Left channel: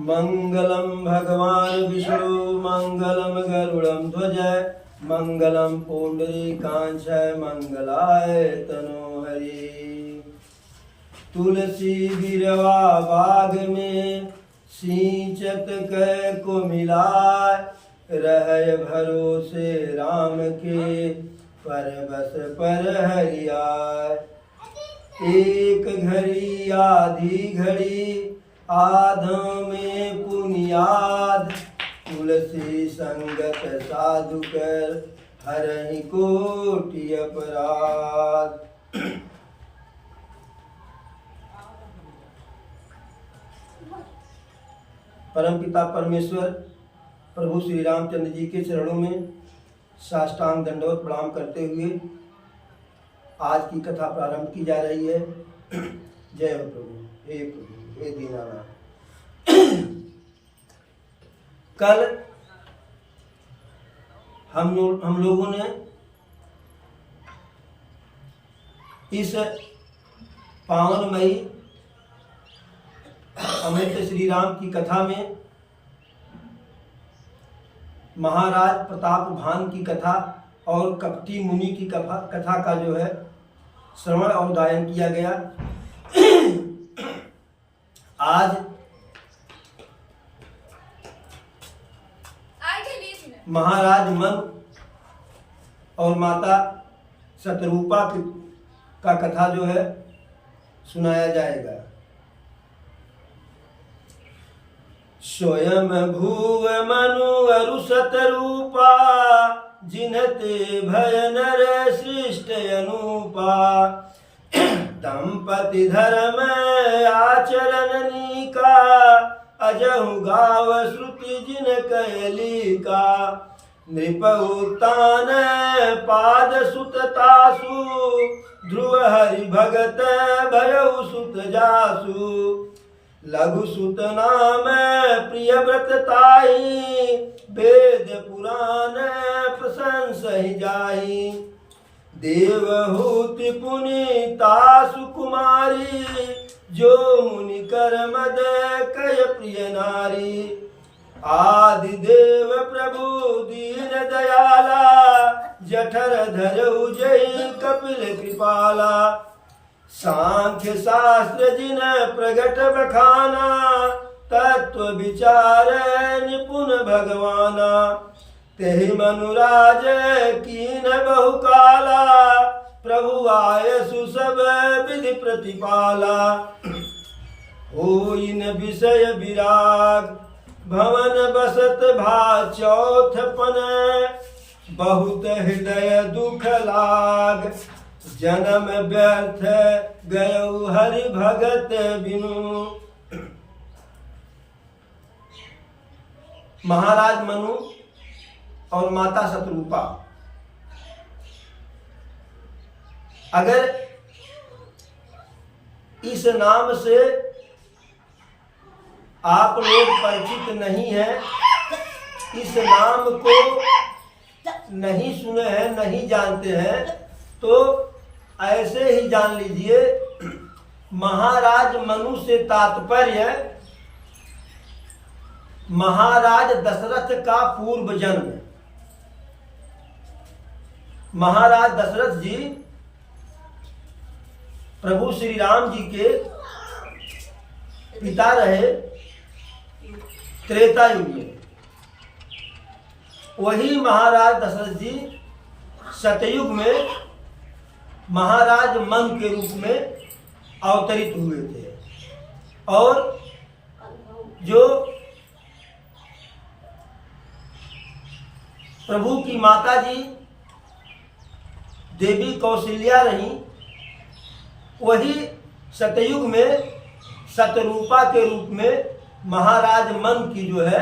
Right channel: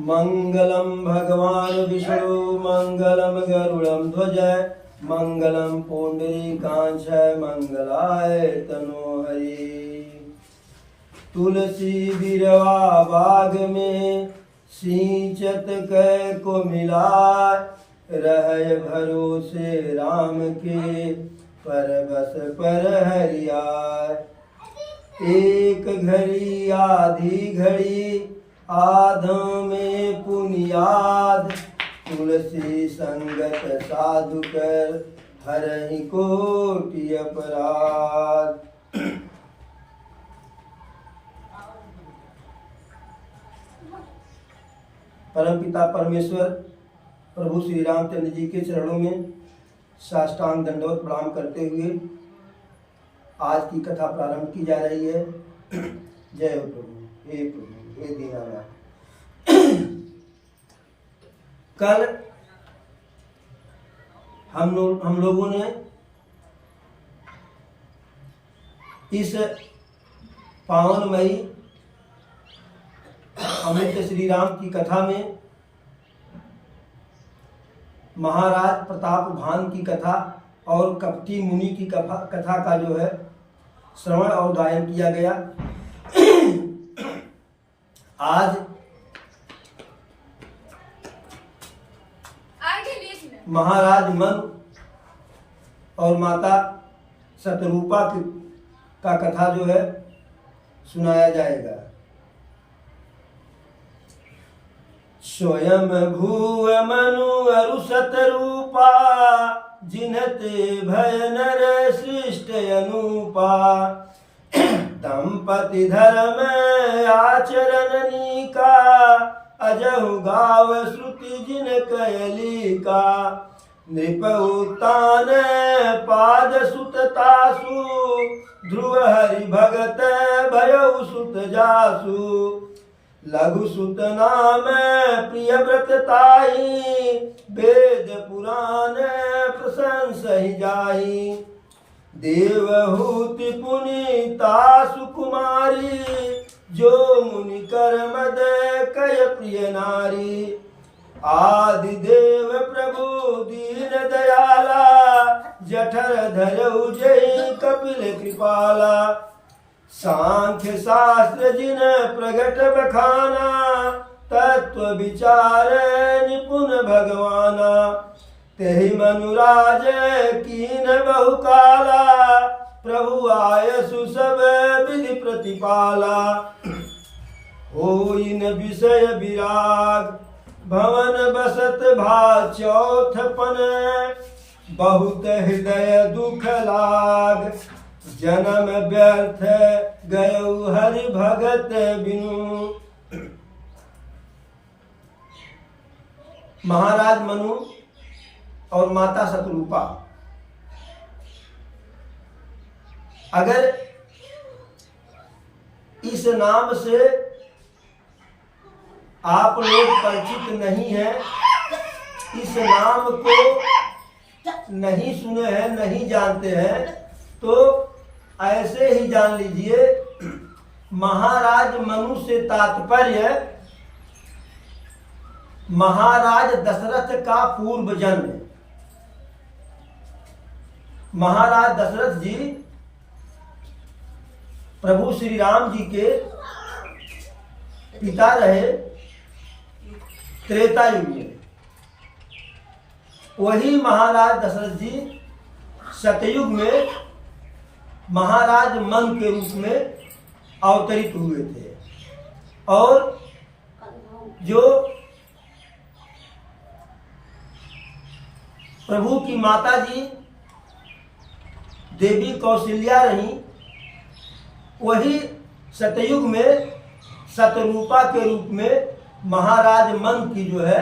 मंगलम भगवान विष्णु मंगलम गरुड़म ध्वज मंगलम पुंडरीकांच मंगलाय तनोहरि। तुलसी बिरवा बाग में सिंचत कै को मिलाय रह भरोसे राम के परबस पर हरियाय। एक घड़ी आधी घड़ी आधों में पुनियाद तुलसी संगत साधु कर हरहि कोटि अपराध। परमपिता परमेश्वर प्रभु श्री रामचंद्र जी के चरणों में साष्टांग दंडवत प्रणाम करते हुए आज की कथा प्रारंभ की जा रही है। जय हो प्रभु हे दीनानाथ। कल हम लोगों ने इस पावनमयी अमृत श्री राम की कथा में महाराज प्रताप भान की कथा और कपटी मुनि की कथा का जो है श्रवण और गायन किया गया। आज महाराज मनु और माता शतरूपा का कथा जो है सुनाया जाएगा। स्वयं भूव मनु अरु शतरूपा जिनते भय नर सृष्ट अनुपा। दंपति धर्म आचरण नीका अजहु गाव श्रुति जिन कैली का। नृप उत्तान पाद सुत तासु ध्रुव हरि भगत भयउ सुत जासु। लघु सुत नाम प्रिय व्रत ताई वेद पुराण प्रशंस ही जाई। देवहूति पुनीता सुकुमारी जो मुनि कर मद कय प्रिय नारी। आदि देव प्रभु दीन दयाला जठर धरऊ जय कपिल कृपाला। सांख्य शास्त्र जिन प्रगट बखाना तत्व विचार निपुण भगवाना। तेहि मनुराज कीन बहुकाला प्रभु आयसु सब विधि प्रतिपाला। होइन विषय विराग भवन बसत भा चौथपन बहुत हृदय दुख लाग। जन्म व्यर्थ गयउ हरि भगत बिनु। महाराज मनु और माता शतरूपा अगर इस नाम से आप लोग परिचित नहीं हैं, इस नाम को नहीं सुने हैं, नहीं जानते हैं, तो ऐसे ही जान लीजिए महाराज मनु से तात्पर्य महाराज दशरथ का पूर्व जन्म। महाराज दशरथ जी प्रभु श्री राम जी के पिता रहे त्रेता युग में। वही महाराज दशरथ जी सतयुग में महाराज मन के रूप में अवतरित हुए थे। और जो प्रभु की माता जी देवी कौशल्या रही, वही सतयुग में शतरूपा के रूप में महाराज मन की जो है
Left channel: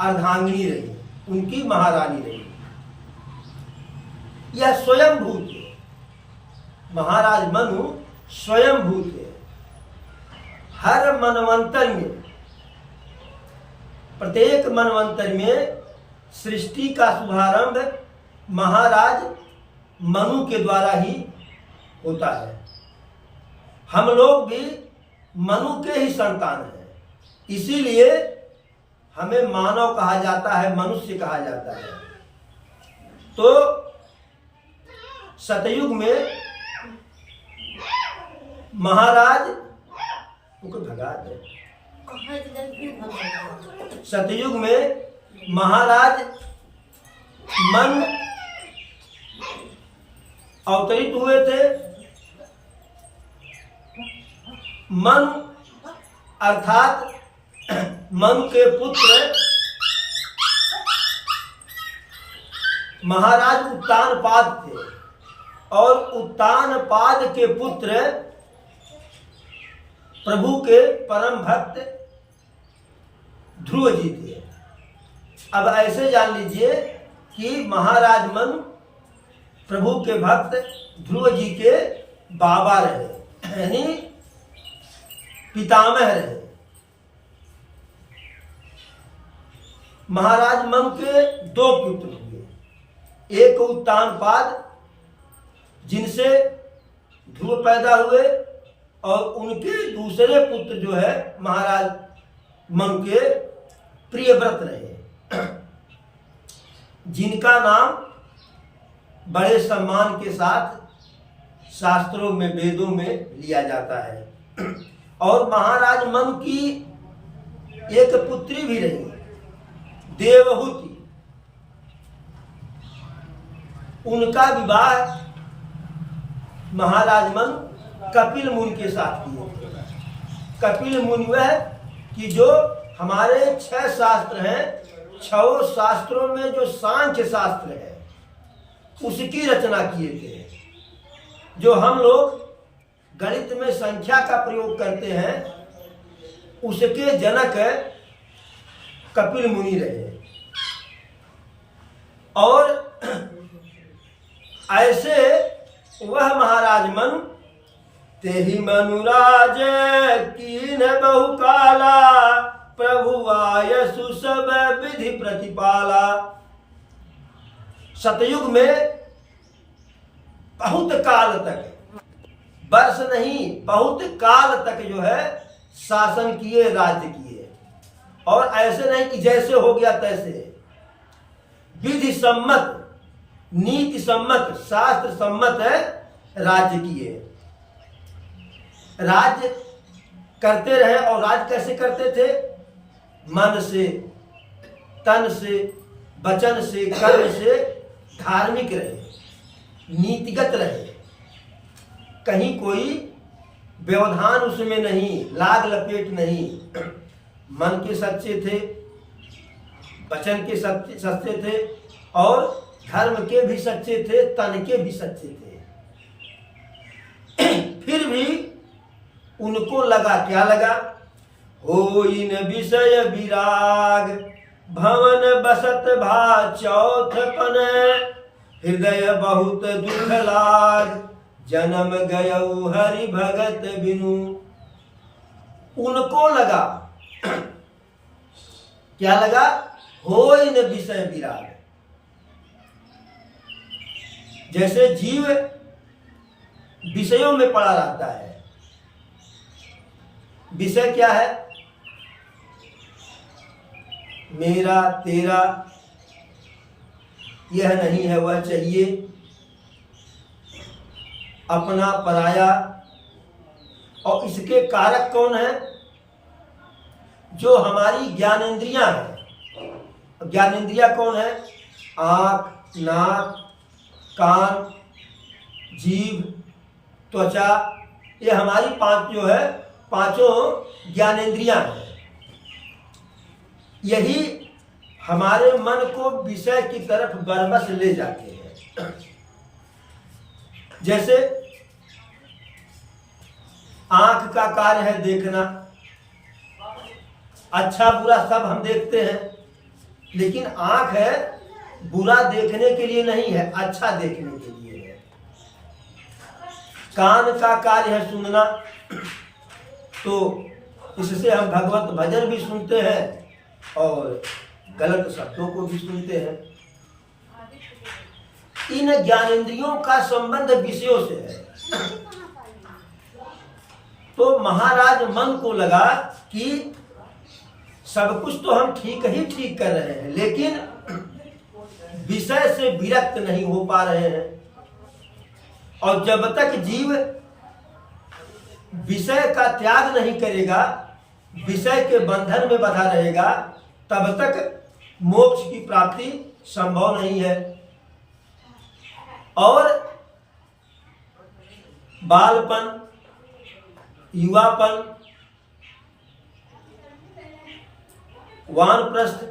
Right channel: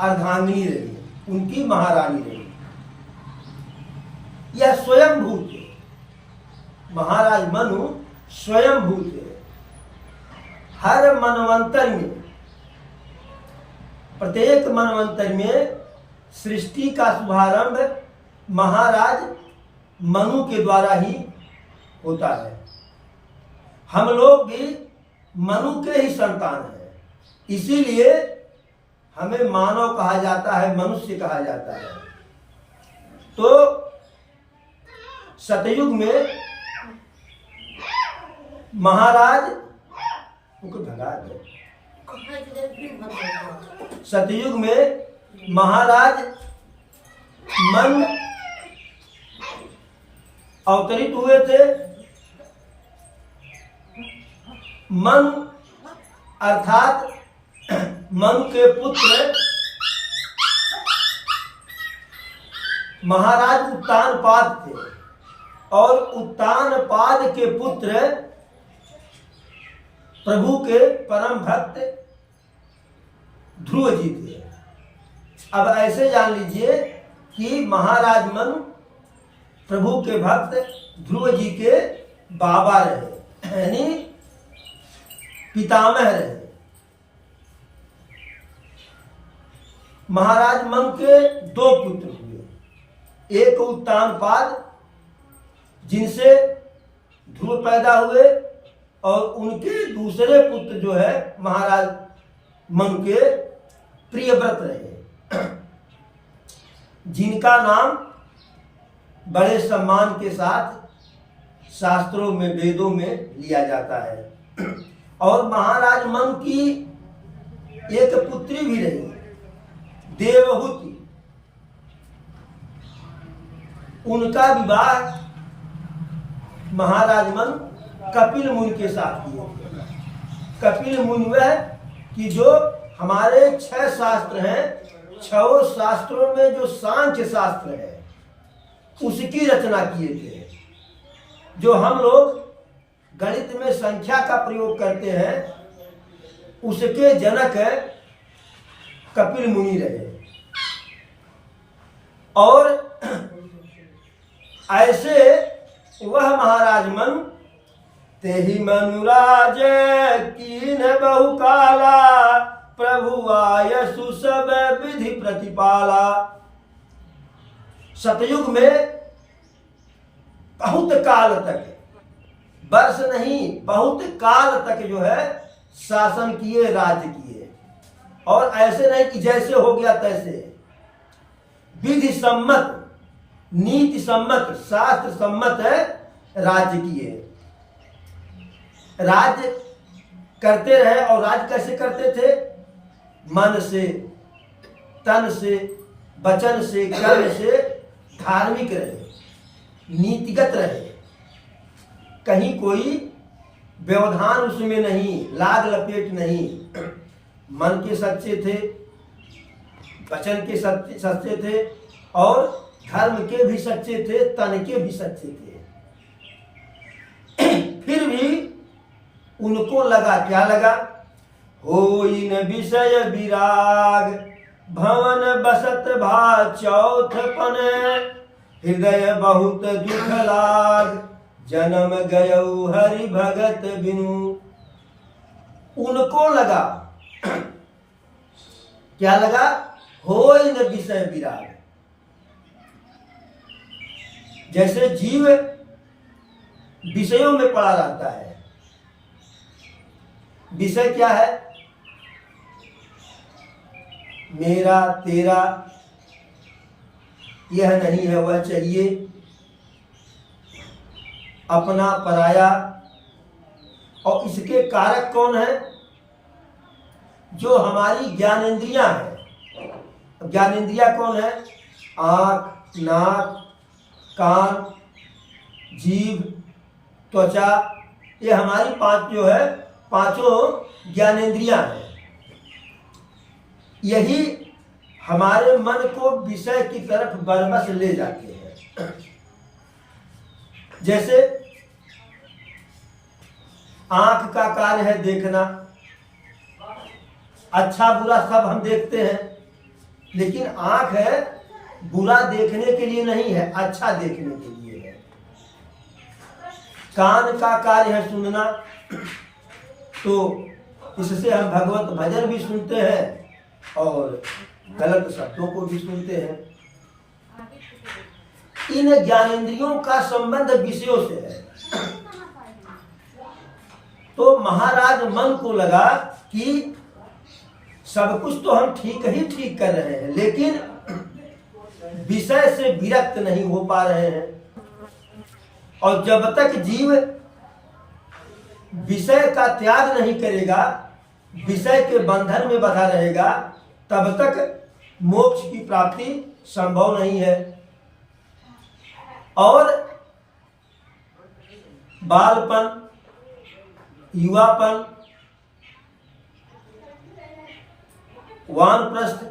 अर्धांगिनी रही, उनकी महारानी रही। यह स्वयं भूत है, महाराज मनु स्वयं भूत है। हर मनवंतर में, प्रत्येक मनवंतर में सृष्टि का शुभारंभ महाराज मनु के द्वारा ही होता है। हम लोग भी मनु के ही संतान हैं, इसीलिए हमें मानव कहा जाता है, मनुष्य कहा जाता है। तो सतयुग में महाराज उनको भगा दे। सतयुग में महाराज मन अवतरित हुए थे। मन अर्थात मनु के पुत्र महाराज उत्तानपाद थे और उत्तानपाद के पुत्र प्रभु के परम भक्त ध्रुव जी थे। अब ऐसे जान लीजिए कि महाराज मनु प्रभु के भक्त ध्रुव जी के बाबा रहे, यानी पितामह रहे। महाराज मनु के दो पुत्र हुए, एक उत्तानपाद जिनसे ध्रुव पैदा हुए और उनके दूसरे पुत्र जो है महाराज मनु के प्रियव्रत रहे, जिनका नाम बड़े सम्मान के साथ शास्त्रों में, वेदों में लिया जाता है। और महाराज मनु की एक पुत्री भी रही, देवहूति। उनका विवाह महाराज मनु कपिल मुनि के साथ किया। कपिल मुनि वह कि जो हमारे 6 शास्त्र हैं, 6 शास्त्रों में जो सांख्य शास्त्र है उसकी रचना किए थे। जो हम लोग गणित में संख्या का प्रयोग करते हैं उसके जनक कपिल मुनि रहे। और ऐसे वह महाराज मनु तेहि मनुराज कीन बहुकाला प्रभु आयसु सब विधि प्रतिपाला। सतयुग में बहुत काल तक, वर्ष नहीं बहुत काल तक जो है शासन किए, राज्य किए। और ऐसे नहीं कि जैसे हो गया तैसे, विधि सम्मत, नीति सम्मत, शास्त्र सम्मत है राज्य किए। राज्य करते रहे। और राज्य कैसे करते थे? मन से, तन से, वचन से, कर्म से धार्मिक रहे, नीतिगत रहे। कहीं कोई व्यवधान उसमें नहीं, लाग लपेट नहीं। मन के सच्चे थे, वचन के सच्चे थे और धर्म के भी सच्चे थे, तन के भी सच्चे थे। फिर भी उनको लगा, क्या लगा? होई न विषय विराग भवन बसत भा चौथपन हृदय बहुत दुख लाग जन्म गयऊ हरि भगत बिनु। उनको लगा, क्या लगा? होई न विषय विराग। जैसे जीव विषयों में पड़ा रहता है। विषय क्या है? मेरा, तेरा, यह नहीं है वह चाहिए, अपना, पराया। और इसके कारक कौन है? जो हमारी ज्ञानेंद्रियां हैं। ज्ञानेंद्रियां कौन है? आँख, नाक, कान, जीभ, त्वचा। ये हमारी 5 जो है, 5 ज्ञानेंद्रियां हैं। यही हमारे मन को विषय की तरफ बरबस ले जाते हैं। जैसे आंख का कार्य है देखना, अच्छा बुरा सब हम देखते हैं, लेकिन आंख है बुरा देखने के लिए नहीं है, अच्छा देखने के लिए है। कान का कार्य है सुनना, तो इससे हम भगवत भजन भी सुनते हैं और गलत शब्दों को भी सुनते हैं। इन ज्ञानेंद्रियों का संबंध विषयों से है। तो महाराज मन को लगा कि सब कुछ तो हम ठीक ही ठीक कर रहे हैं, लेकिन विषय से विरक्त नहीं हो पा रहे हैं। और जब तक जीव विषय का त्याग नहीं करेगा, विषय के बंधन में बंधा रहेगा, तब तक मोक्ष की प्राप्ति संभव नहीं है। और बालपन, युवापन, वानप्रस्थ,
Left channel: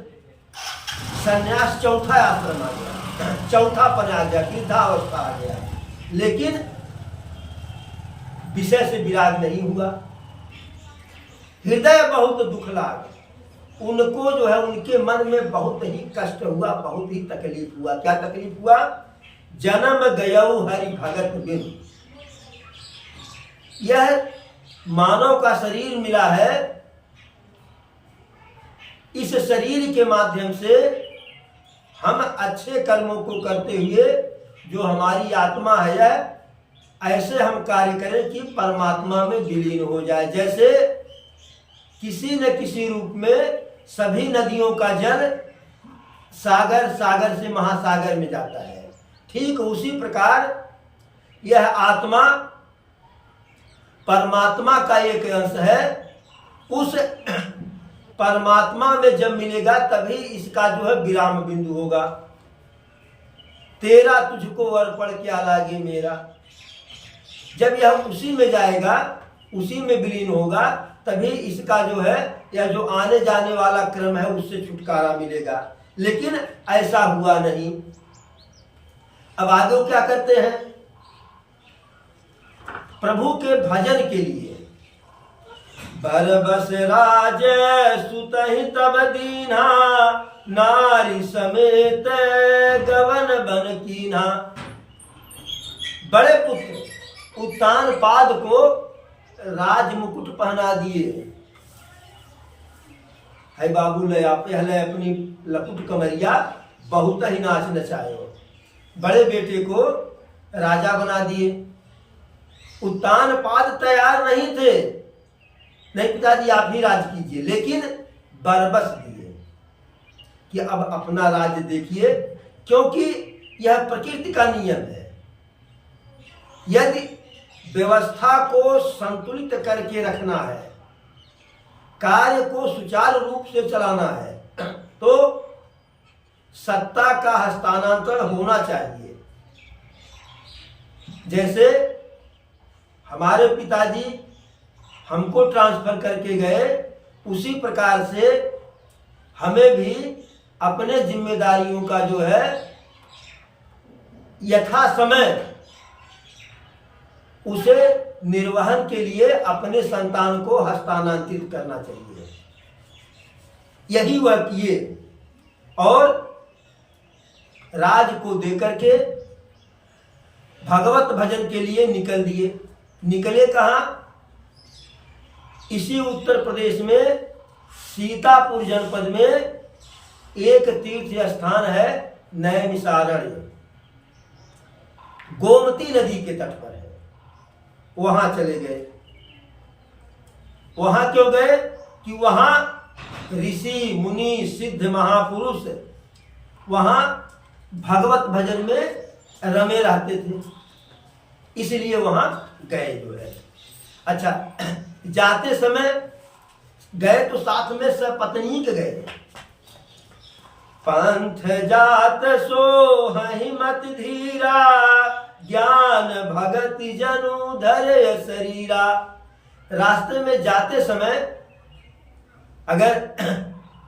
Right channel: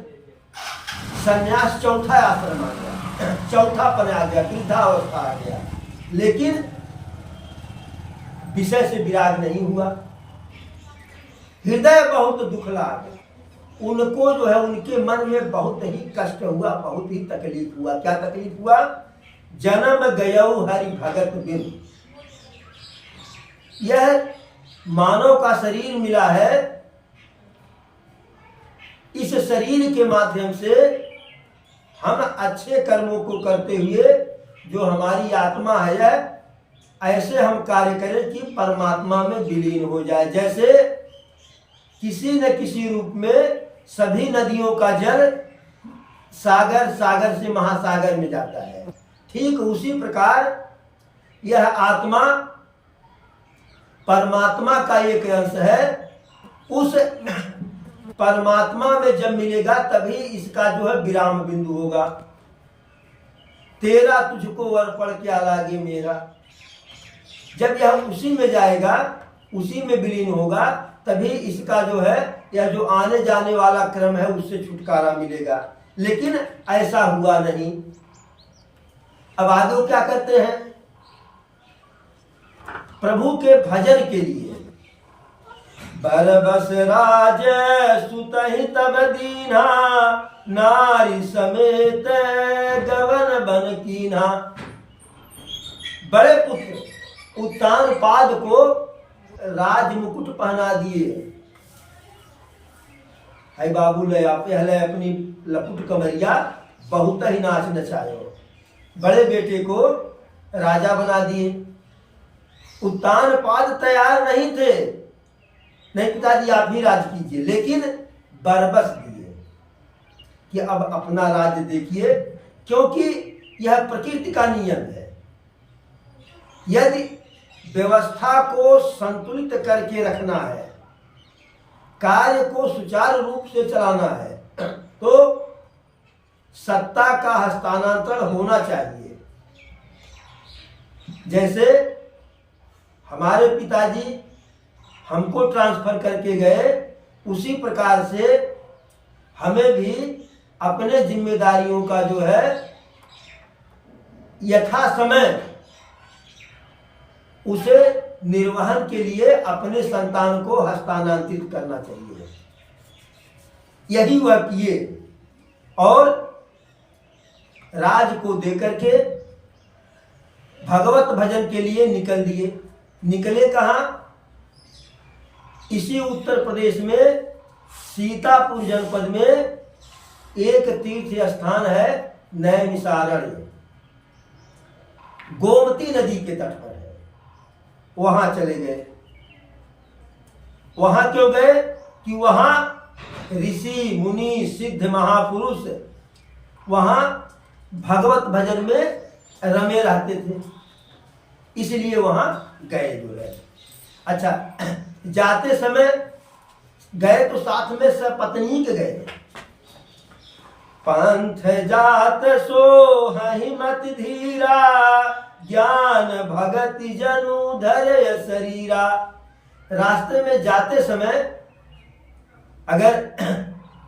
संन्यास, चौथा आश्रम आ गया, चौथापन आ गया, वृद्धावस्था आ गया, लेकिन विषय से विराग नहीं हुआ। हृदय बहुत दुख लाग, उनको जो है उनके मन में बहुत ही कष्ट हुआ, बहुत ही तकलीफ हुआ। क्या तकलीफ हुआ? जन्म गयौ हरि भगत बिन। यह मानव का शरीर मिला है, इस शरीर के माध्यम से हम अच्छे कर्मों को करते हुए जो हमारी आत्मा है, ऐसे हम कार्य करें कि परमात्मा में विलीन हो जाए। जैसे किसी न किसी रूप में सभी नदियों का जल सागर, सागर से महासागर में जाता है, ठीक उसी प्रकार यह आत्मा परमात्मा का एक अंश है। उस परमात्मा में जब मिलेगा तभी इसका जो है विराम बिंदु होगा। तेरा तुझको अर्पण क्या लागे मेरा, जब यह उसी में जाएगा, उसी में विलीन होगा, तभी इसका जो है यह जो आने जाने वाला क्रम है उससे छुटकारा मिलेगा। लेकिन ऐसा हुआ नहीं। अब आगे वो क्या करते हैं? प्रभु के भजन के लिए बरबस राज सुतहि तब दीन्हा, नारी समेत गवन बन कीन्हा। बड़े पुत्र उत्तानपाद को राज मुकुट पहना दिए। है बाबू लया पहले अपनी लपुट कमरिया बहुत ही नाच नचायो। बड़े बेटे को राजा बना दिए। उत्तानपाद तैयार नहीं थे, नहीं पिताजी आप ही राज कीजिए, लेकिन बरबस दिए कि अब अपना राज्य देखिए, क्योंकि यह प्रकृति का नियम है। यदि व्यवस्था को संतुलित करके रखना है, कार्य को सुचारू रूप से चलाना है, तो सत्ता का हस्तांतरण होना चाहिए। जैसे हमारे पिताजी हमको ट्रांसफर करके गए, उसी प्रकार से हमें भी अपने जिम्मेदारियों का जो है यथा समय उसे निर्वहन के लिए अपने संतान को हस्तांतरित करना चाहिए। यही वह किए और राज को देकर के भगवत भजन के लिए निकल दिए। निकले कहाँ? इसी उत्तर प्रदेश में सीतापुर जनपद में एक तीर्थ स्थान है, नैमिषारण्य, गोमती नदी के तट पर है। वहां चले गए। वहां क्यों गए? कि वहां ऋषि मुनि सिद्ध महापुरुष वहां भगवत भजन में रमे रहते थे, इसलिए वहां गए जो है। अच्छा, जाते समय गए तो साथ में सपत्नीक गए। पंथ जात सो हिमत धीरा, ज्ञान भगति जनु धरे शरीरा। रास्ते में जाते समय अगर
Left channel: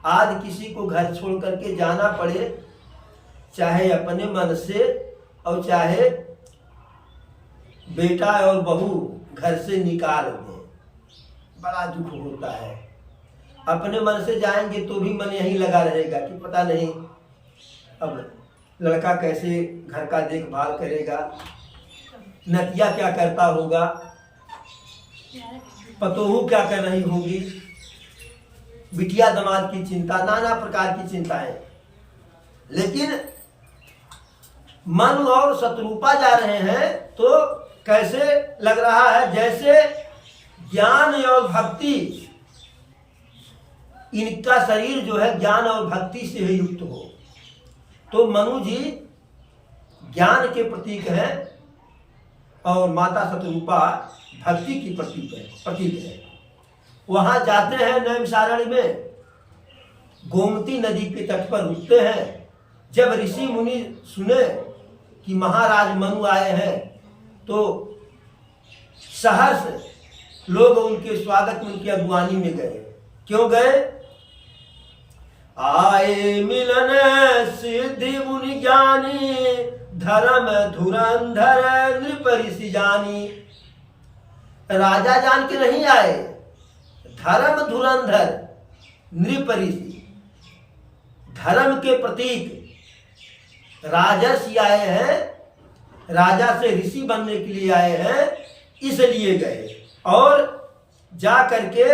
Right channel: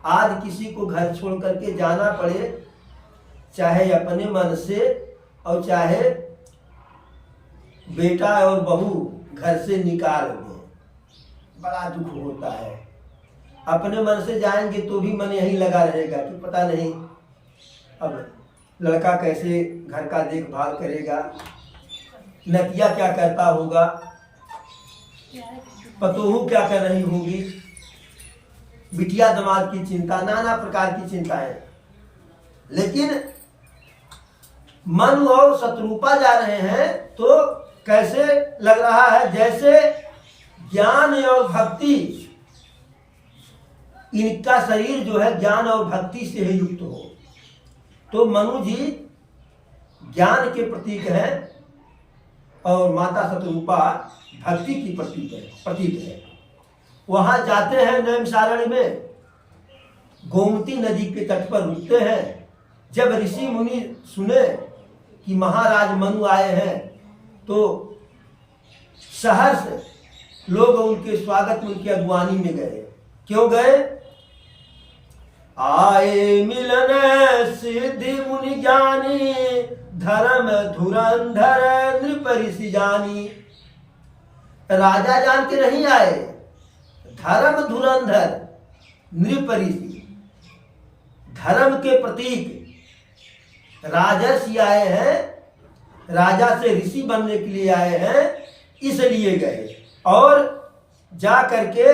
आज किसी को घर छोड़ करके जाना पड़े, चाहे अपने मन से और चाहे बेटा और बहू घर से निकाल दें, बड़ा दुख होता है। अपने मन से जाएंगे तो भी मन यही लगा रहेगा कि पता नहीं अब लड़का कैसे घर का देखभाल करेगा, नतिया क्या करता होगा, पतोहू क्या कर रही होगी, बिटिया दामाद की चिंता, नाना प्रकार की चिंताएं। लेकिन मन और शत्रुपा जा रहे हैं तो कैसे लग रहा है? जैसे ज्ञान और भक्ति इनका शरीर जो है ज्ञान और भक्ति से ही युक्त हो। तो मनु जी ज्ञान के प्रतीक हैं और माता शतरूपा भक्ति की प्रतीक है। वहां जाते हैं नैमिषारण्य में, गोमती नदी के तट पर रुकते हैं। जब ऋषि मुनि सुने कि महाराज मनु आए हैं तो शहर से लोग उनके स्वागत में, उनकी अगुवानी में गए। क्यों गए? आए मिलन सिद्धि मुनि ज्ञानी, धर्म धुरंधर नृप ऋषि जानी। राजा जान के नहीं आए, धर्म धुरंधर नृप ऋषि, धर्म के प्रतीक राजर्षि आए हैं, राजा से ऋषि बनने के लिए आए हैं, इसलिए गए। और जा करके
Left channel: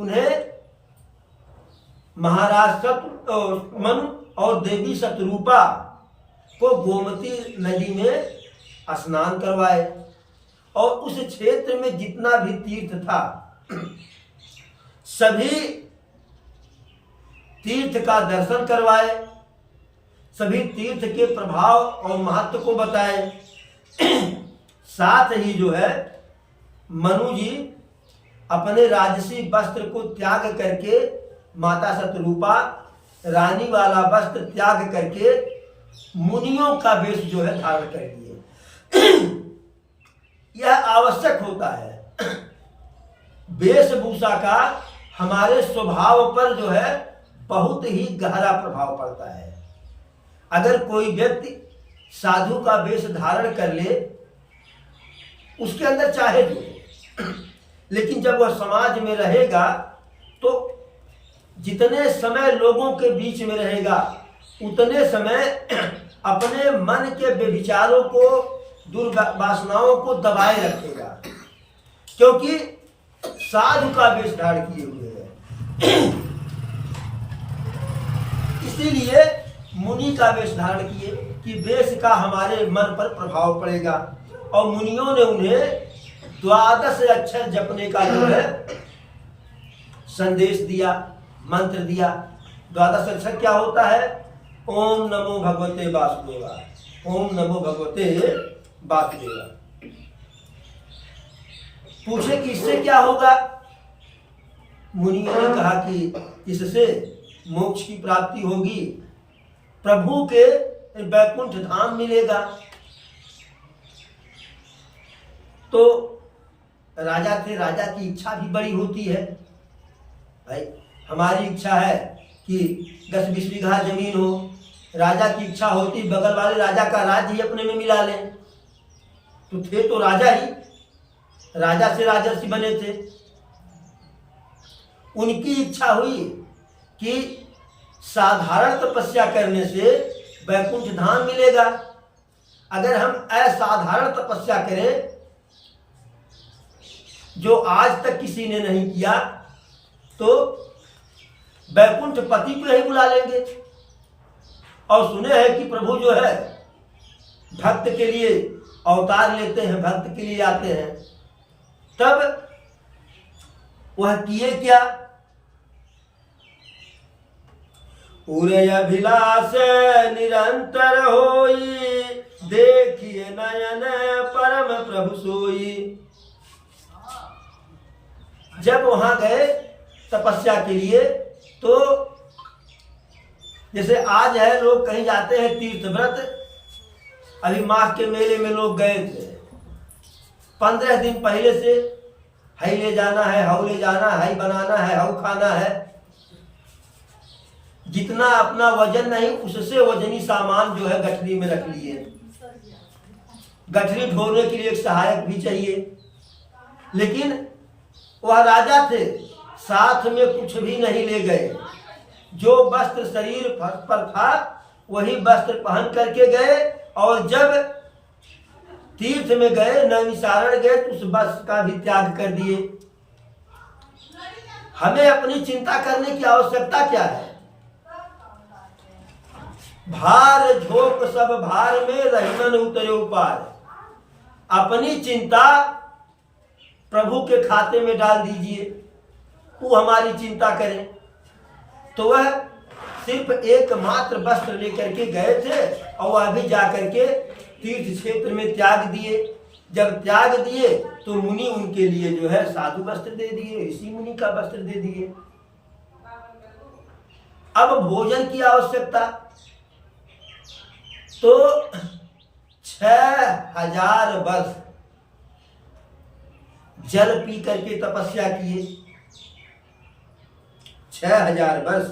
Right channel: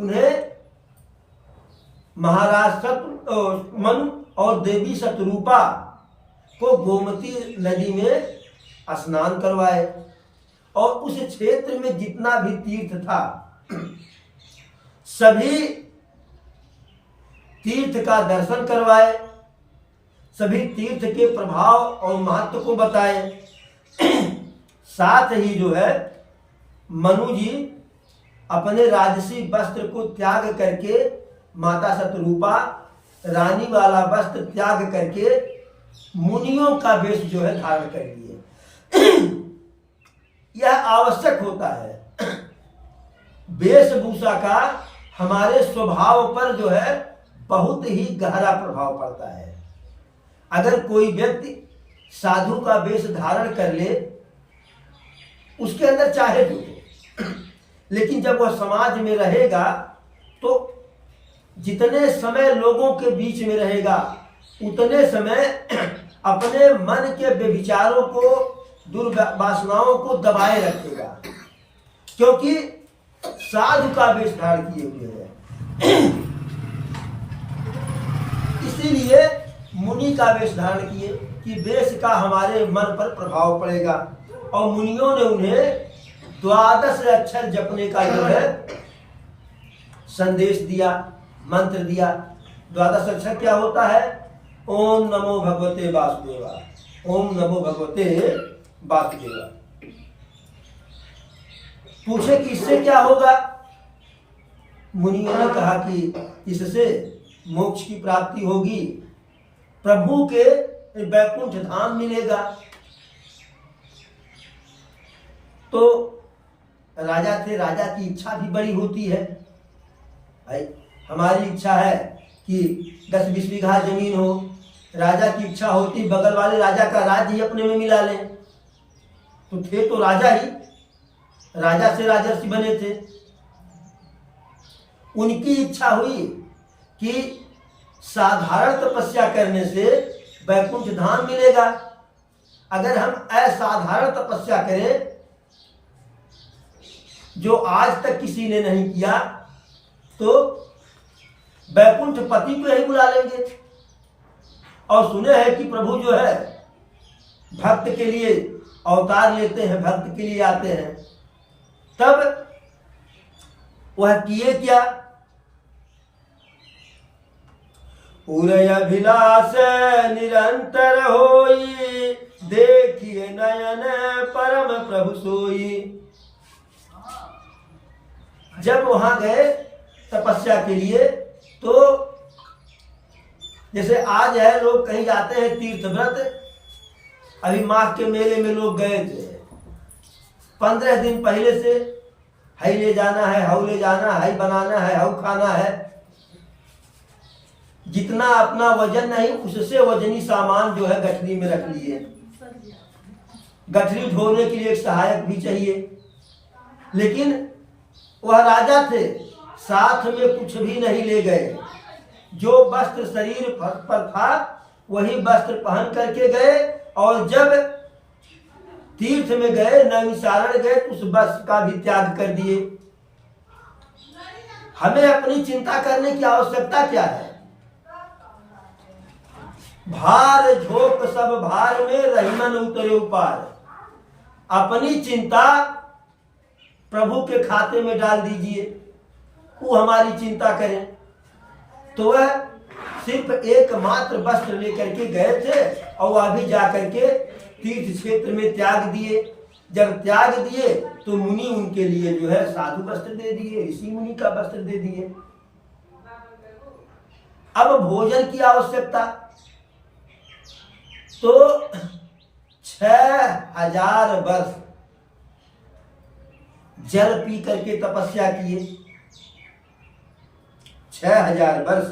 उन्हें महाराज मनु और देवी शतरूपा को गोमती नदी में स्नान करवाए और उस क्षेत्र में जितना भी तीर्थ था सभी तीर्थ का दर्शन करवाए, सभी तीर्थ के प्रभाव और महत्व को बताए। साथ ही जो है मनु जी अपने राजसी वस्त्र को त्याग करके, माता शतरूपा रानी वाला वस्त्र त्याग करके मुनियों का वेश जो है धारण कर लिए। यह आवश्यक होता है। वेशभूषा का हमारे स्वभाव पर जो है बहुत ही गहरा प्रभाव पड़ता है। अगर कोई व्यक्ति साधु का वेश धारण कर ले, उसके अंदर चाहे जो हो, लेकिन जब वह समाज में रहेगा तो जितने समय लोगों के बीच में रहेगा उतने समय अपने मन के व्यभिचारों को, दुर्वासनाओं को दबाए रखेगा, क्योंकि साधु का वेश धारण किए हुए है। इसीलिए मुनि का वेश धारण किए कि वेश का हमारे मन पर प्रभाव पड़ेगा। और मुनियों ने उन्हें 12 अक्षर जपने का जो है संदेश दिया, मंत्र दिया। 12 अक्षर क्या होता है? ओम नमो भगवते वासुदेवा, ओम नमो भगवते वासुदेवा। पूछे कि इससे क्या होगा? मुनियों ने कहा कि इससे मोक्ष की प्राप्ति होगी, प्रभु के वैकुंठ धाम मिलेगा। तो राजा थे, राजा की इच्छा भी बड़ी होती है। भाई हमारी इच्छा है कि 10-20 बीघा जमीन हो, राजा की इच्छा होती बगल वाले राजा का राज्य ही अपने में मिला लें। तो थे तो राजा ही, राजा से राजर्षि बने थे। उनकी इच्छा हुई कि साधारण तपस्या करने से वैकुंठ धाम मिलेगा। अगर हम असाधारण तपस्या करें जो आज तक किसी ने नहीं किया, तो वैकुंठ पति को यही बुला लेंगे। और सुने हैं कि प्रभु जो है भक्त के लिए अवतार लेते हैं, भक्त के लिए आते हैं। तब वह किए क्या? उरय अभिलाष निरंतर होई, देखिए नयन परम प्रभु सोई। जब वहां गए तपस्या के लिए, तो जैसे आज है लोग कहीं जाते हैं तीर्थ व्रत, अभी माघ के मेले में लोग गए थे, 15 दिन पहले से हई ले जाना है, हऊ ले जाना है, हई बनाना है, हऊ खाना है। जितना अपना वजन नहीं, उससे वजनी सामान जो है गठरी में रख लिए। गठरी ढोने के लिए एक सहायक भी चाहिए। लेकिन वह राजा थे, साथ में कुछ भी नहीं ले गए। जो वस्त्र शरीर पर था वही वस्त्र पहन करके गए। और जब तीर्थ में गए, नैमिषारण्य गए, तो उस वस्त्र का भी त्याग कर दिए। हमें अपनी चिंता करने की आवश्यकता क्या है? भार झोंक सब भार में, रहीमन उतरे उपार। अपनी चिंता प्रभु के खाते में डाल दीजिए, वो हमारी चिंता करें। तो वह सिर्फ एकमात्र वस्त्र लेकर के गए थे और वह भी जाकर के तीर्थ क्षेत्र में त्याग दिए। जब त्याग दिए तो मुनि उनके लिए जो है साधु वस्त्र दे दिए, ऋषि मुनि का वस्त्र दे दिए। अब भोजन की आवश्यकता, तो 6000 वर्ष जल पी करके तपस्या किए। 6000 वर्ष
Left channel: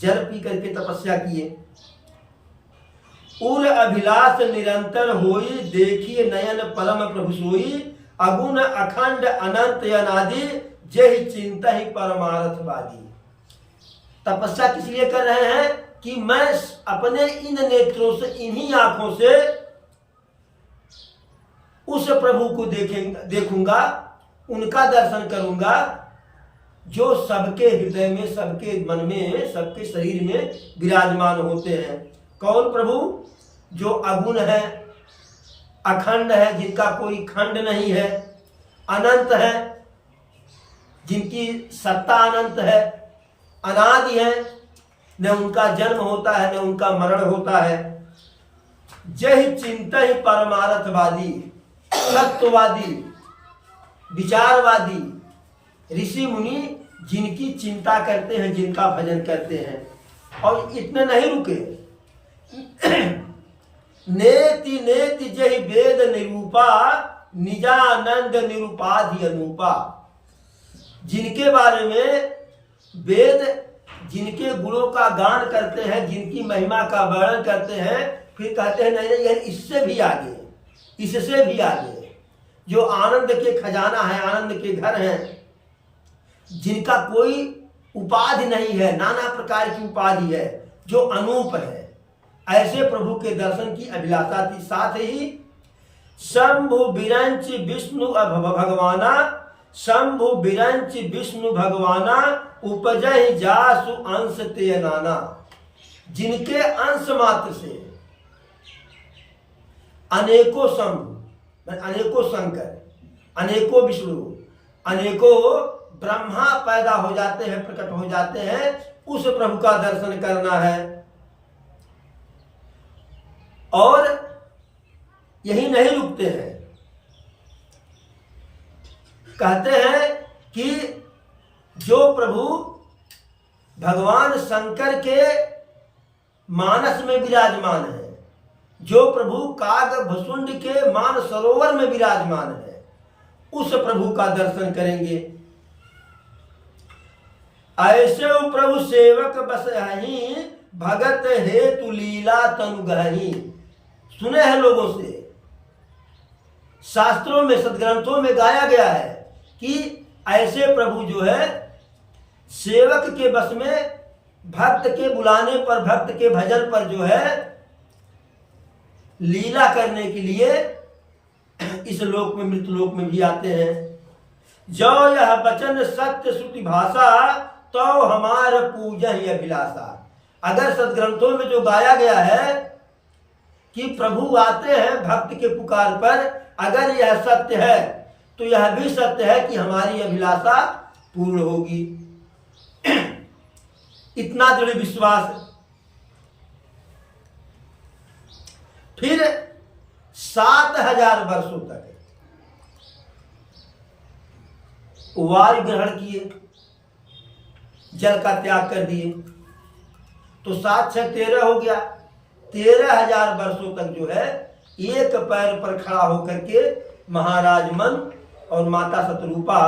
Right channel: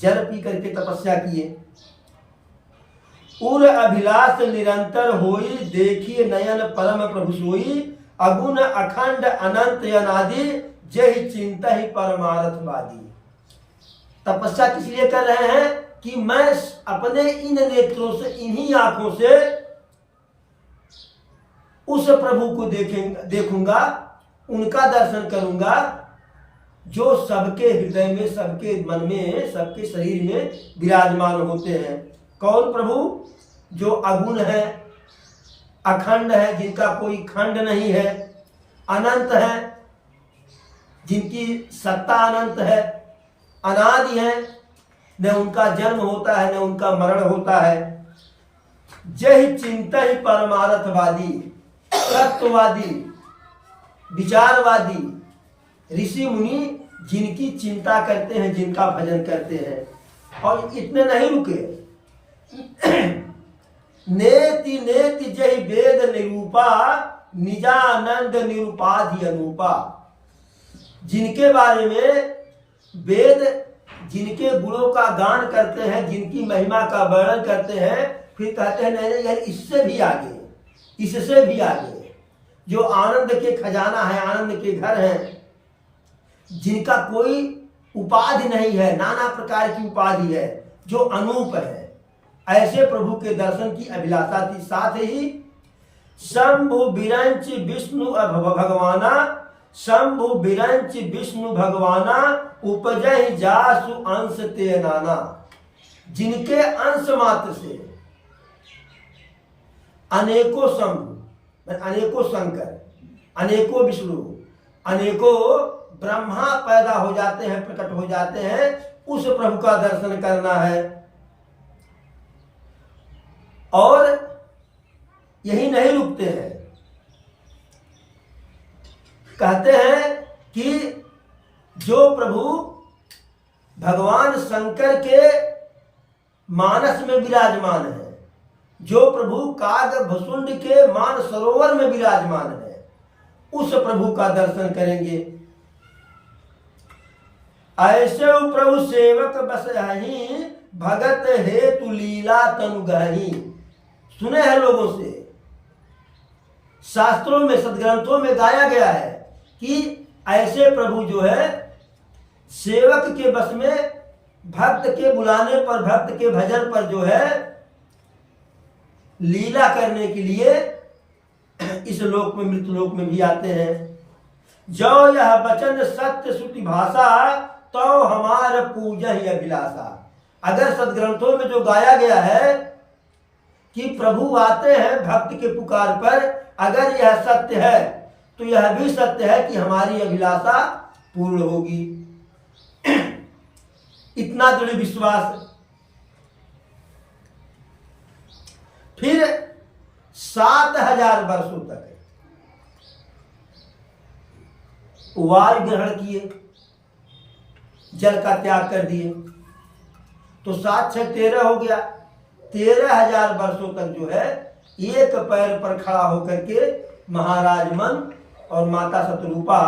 जल पी करके तपस्या किए। उर अभिलाष निरंतर होई, देखिए नयन परम प्रभु सोई, अगुण अखंड अनंत अनादि, जय चिंता ही परमार्थवादी। तपस्या किस लिए कर रहे हैं कि मैं अपने इन नेत्रों से, इन्हीं आंखों से उस प्रभु को देखूंगा, उनका दर्शन करूंगा जो सबके हृदय में, सबके मन में, सबके शरीर में विराजमान होते हैं। कौन प्रभु? जो अगुण है, अखंड है, जिनका कोई खंड नहीं है, अनंत है, जिनकी सत्ता अनंत है, अनादि है, न उनका जन्म होता है न उनका मरण होता है। जय चिंता ही परमार्थवादी, तत्ववादी, विचारवादी, ऋषि मुनि जिनकी चिंता करते हैं, जिनका भजन करते हैं। और इतने नहीं रुके, नेति नेति जय वेद निरूपा, निजानंद निरूपाधि अनूपा। जिनके बारे में वेद जिनके गुणों का गान करते हैं, जिनकी महिमा का वर्णन करते हैं, फिर कहते हैं नहीं नहीं यार इससे भी आगे, इससे भी आगे, जो आनंद के खजाना है, आनंद के घर हैं, जिनका कोई उपाधि नहीं है, नाना प्रकार की उपाधि है, जो अनूप है, ऐसे प्रभु के दर्शन की अभिलाषा थी। साथ ही शंभु बिरंच विष्णु भगवाना, शंभु बिरंच विष्णु भगवाना, उपजय जासु अंश ते नाना। जिनके अंश मात्र से अनेकों शंभु, अनेकों शंकर, अनेकों विष्णु, अनेकों ब्रह्मा पैदा हो जाते हैं, प्रकट हो जाते हैं, उस प्रभु का दर्शन करना है। और यही नहीं रुकते हैं, कहते हैं कि जो प्रभु भगवान शंकर के मानस में विराजमान है, जो प्रभु कागभसुंड के मान सरोवर में विराजमान है, उस प्रभु का दर्शन करेंगे। ऐसे प्रभु सेवक बसहि, भगत हेतु लीला तनु गहहि। सुने हैं लोगों से, शास्त्रों में, सदग्रंथों में गाया गया है कि ऐसे प्रभु जो है सेवक के बस में, भक्त के बुलाने पर, भक्त के भजन पर जो है लीला करने के लिए इस लोक में, मृत लोक में भी आते हैं। जो यह वचन सत्य श्रुति भाषा, तो हमारा पूजा ही अभिलाषा। अगर सदग्रंथों में जो गाया गया है कि प्रभु आते हैं भक्त के पुकार पर, अगर यह सत्य है तो यह भी सत्य है कि हमारी अभिलाषा पूर्ण होगी। इतना दृढ़ विश्वास। फिर 7000 वर्षों तक वायु ग्रहण किए, जल का त्याग कर दिए, तो 7 6 13 हो गया। 13000 वर्षों तक जो है एक पैर पर खड़ा होकर के महाराज मन और माता शतरूपा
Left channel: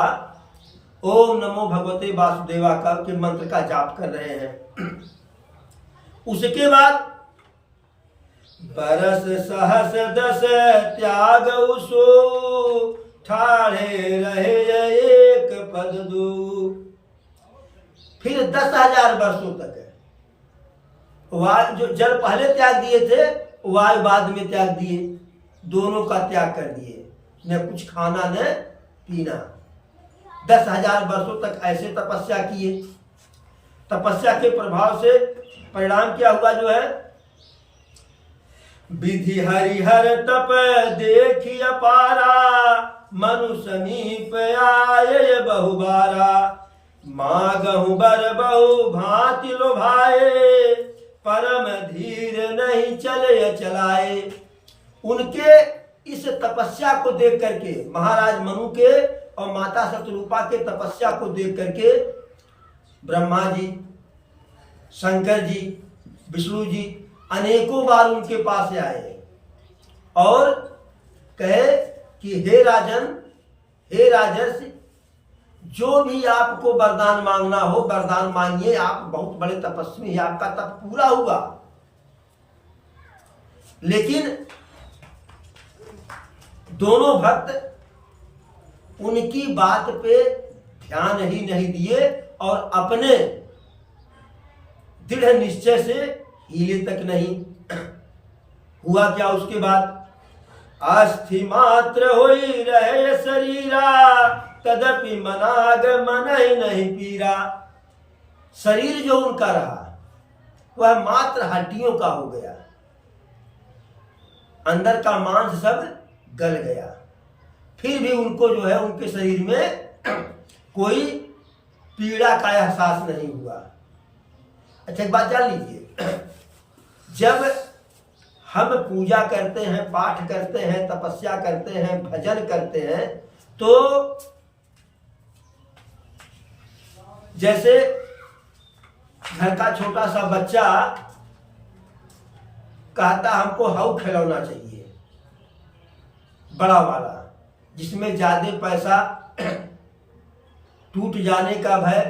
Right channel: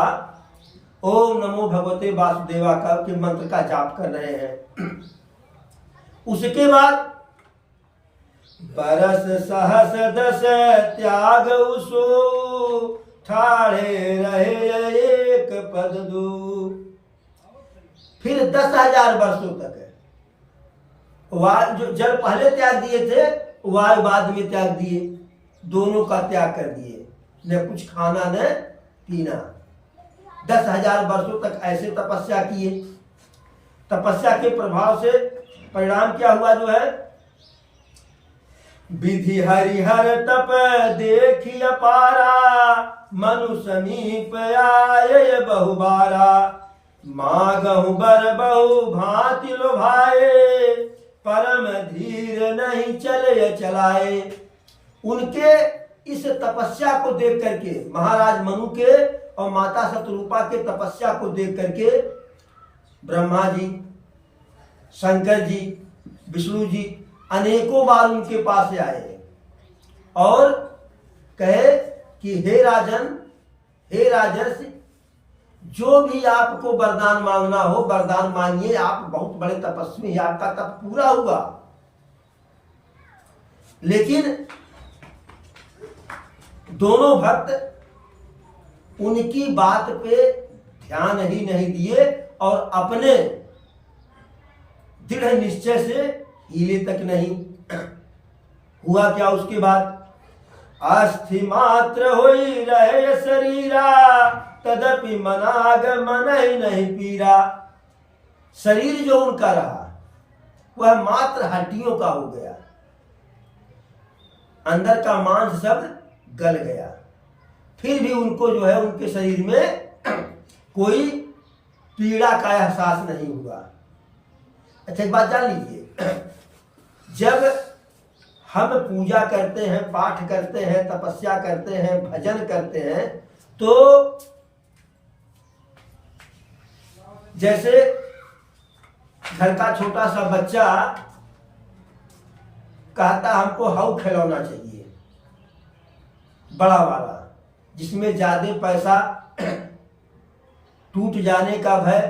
ओम नमो भगवते वासुदेवा का के मंत्र का जाप कर रहे हैं। उसके बाद बरस सहस दस त्याग उसो, ठाड़े रहे एक पद दू। फिर 10,000 वर्षों तक जो जल पहले त्याग दिए थे, वायु बाद में त्याग दिए, दोनों का त्याग कर दिए, न कुछ खाना न पीना। 10,000 वर्षों तक ऐसे तपस्या किए। तपस्या के प्रभाव से परिणाम क्या हुआ जो है, विधि हरिहर तप देखी अपारा, मनु समीप आये बहुबारा। मागहु बर बहु भांति लोभाए, परम धीर नहीं चले चलाए। उनके इस तपस्या को देख करके, महाराज मनु के और माता शतरूपा के तपस्या को देख करके ब्रह्मा जी, शंकर जी, विष्णु जी अनेकों बार उनके पास आए और कहे कि हे राजन, हे राजर्षि, जो भी आपको वरदान मांगना हो वरदान मांगिए, आप बहुत बड़े तपस्वी हैं, आपका तप पूरा हुआ। लेकिन दोनों भक्त उनकी बात पे ध्यान ही नहीं दिए और अपने दृढ़ निश्चय से हिले तक नहीं। हुआ क्या उसके बाद? अस्थि मात्र होई रहे शरीरा, तदपि मनाग मन नहीं पीरा। शरीर जो उनका रहा वह मात्र हड्डियों का हो गया, अंदर का मांस सब गल गया, फिर भी उनको जो है उनके शरीर में कोई पीड़ा का एहसास नहीं हुआ। अच्छा एक बात जान लीजिए, जब हम पूजा करते हैं, पाठ करते हैं, तपस्या करते हैं, भजन करते हैं, तो जैसे घर का छोटा सा बच्चा कहता हमको हाउ खिलौना चाहिए, बड़ा वाला, जिसमें ज्यादा पैसा टूट जाने का भय,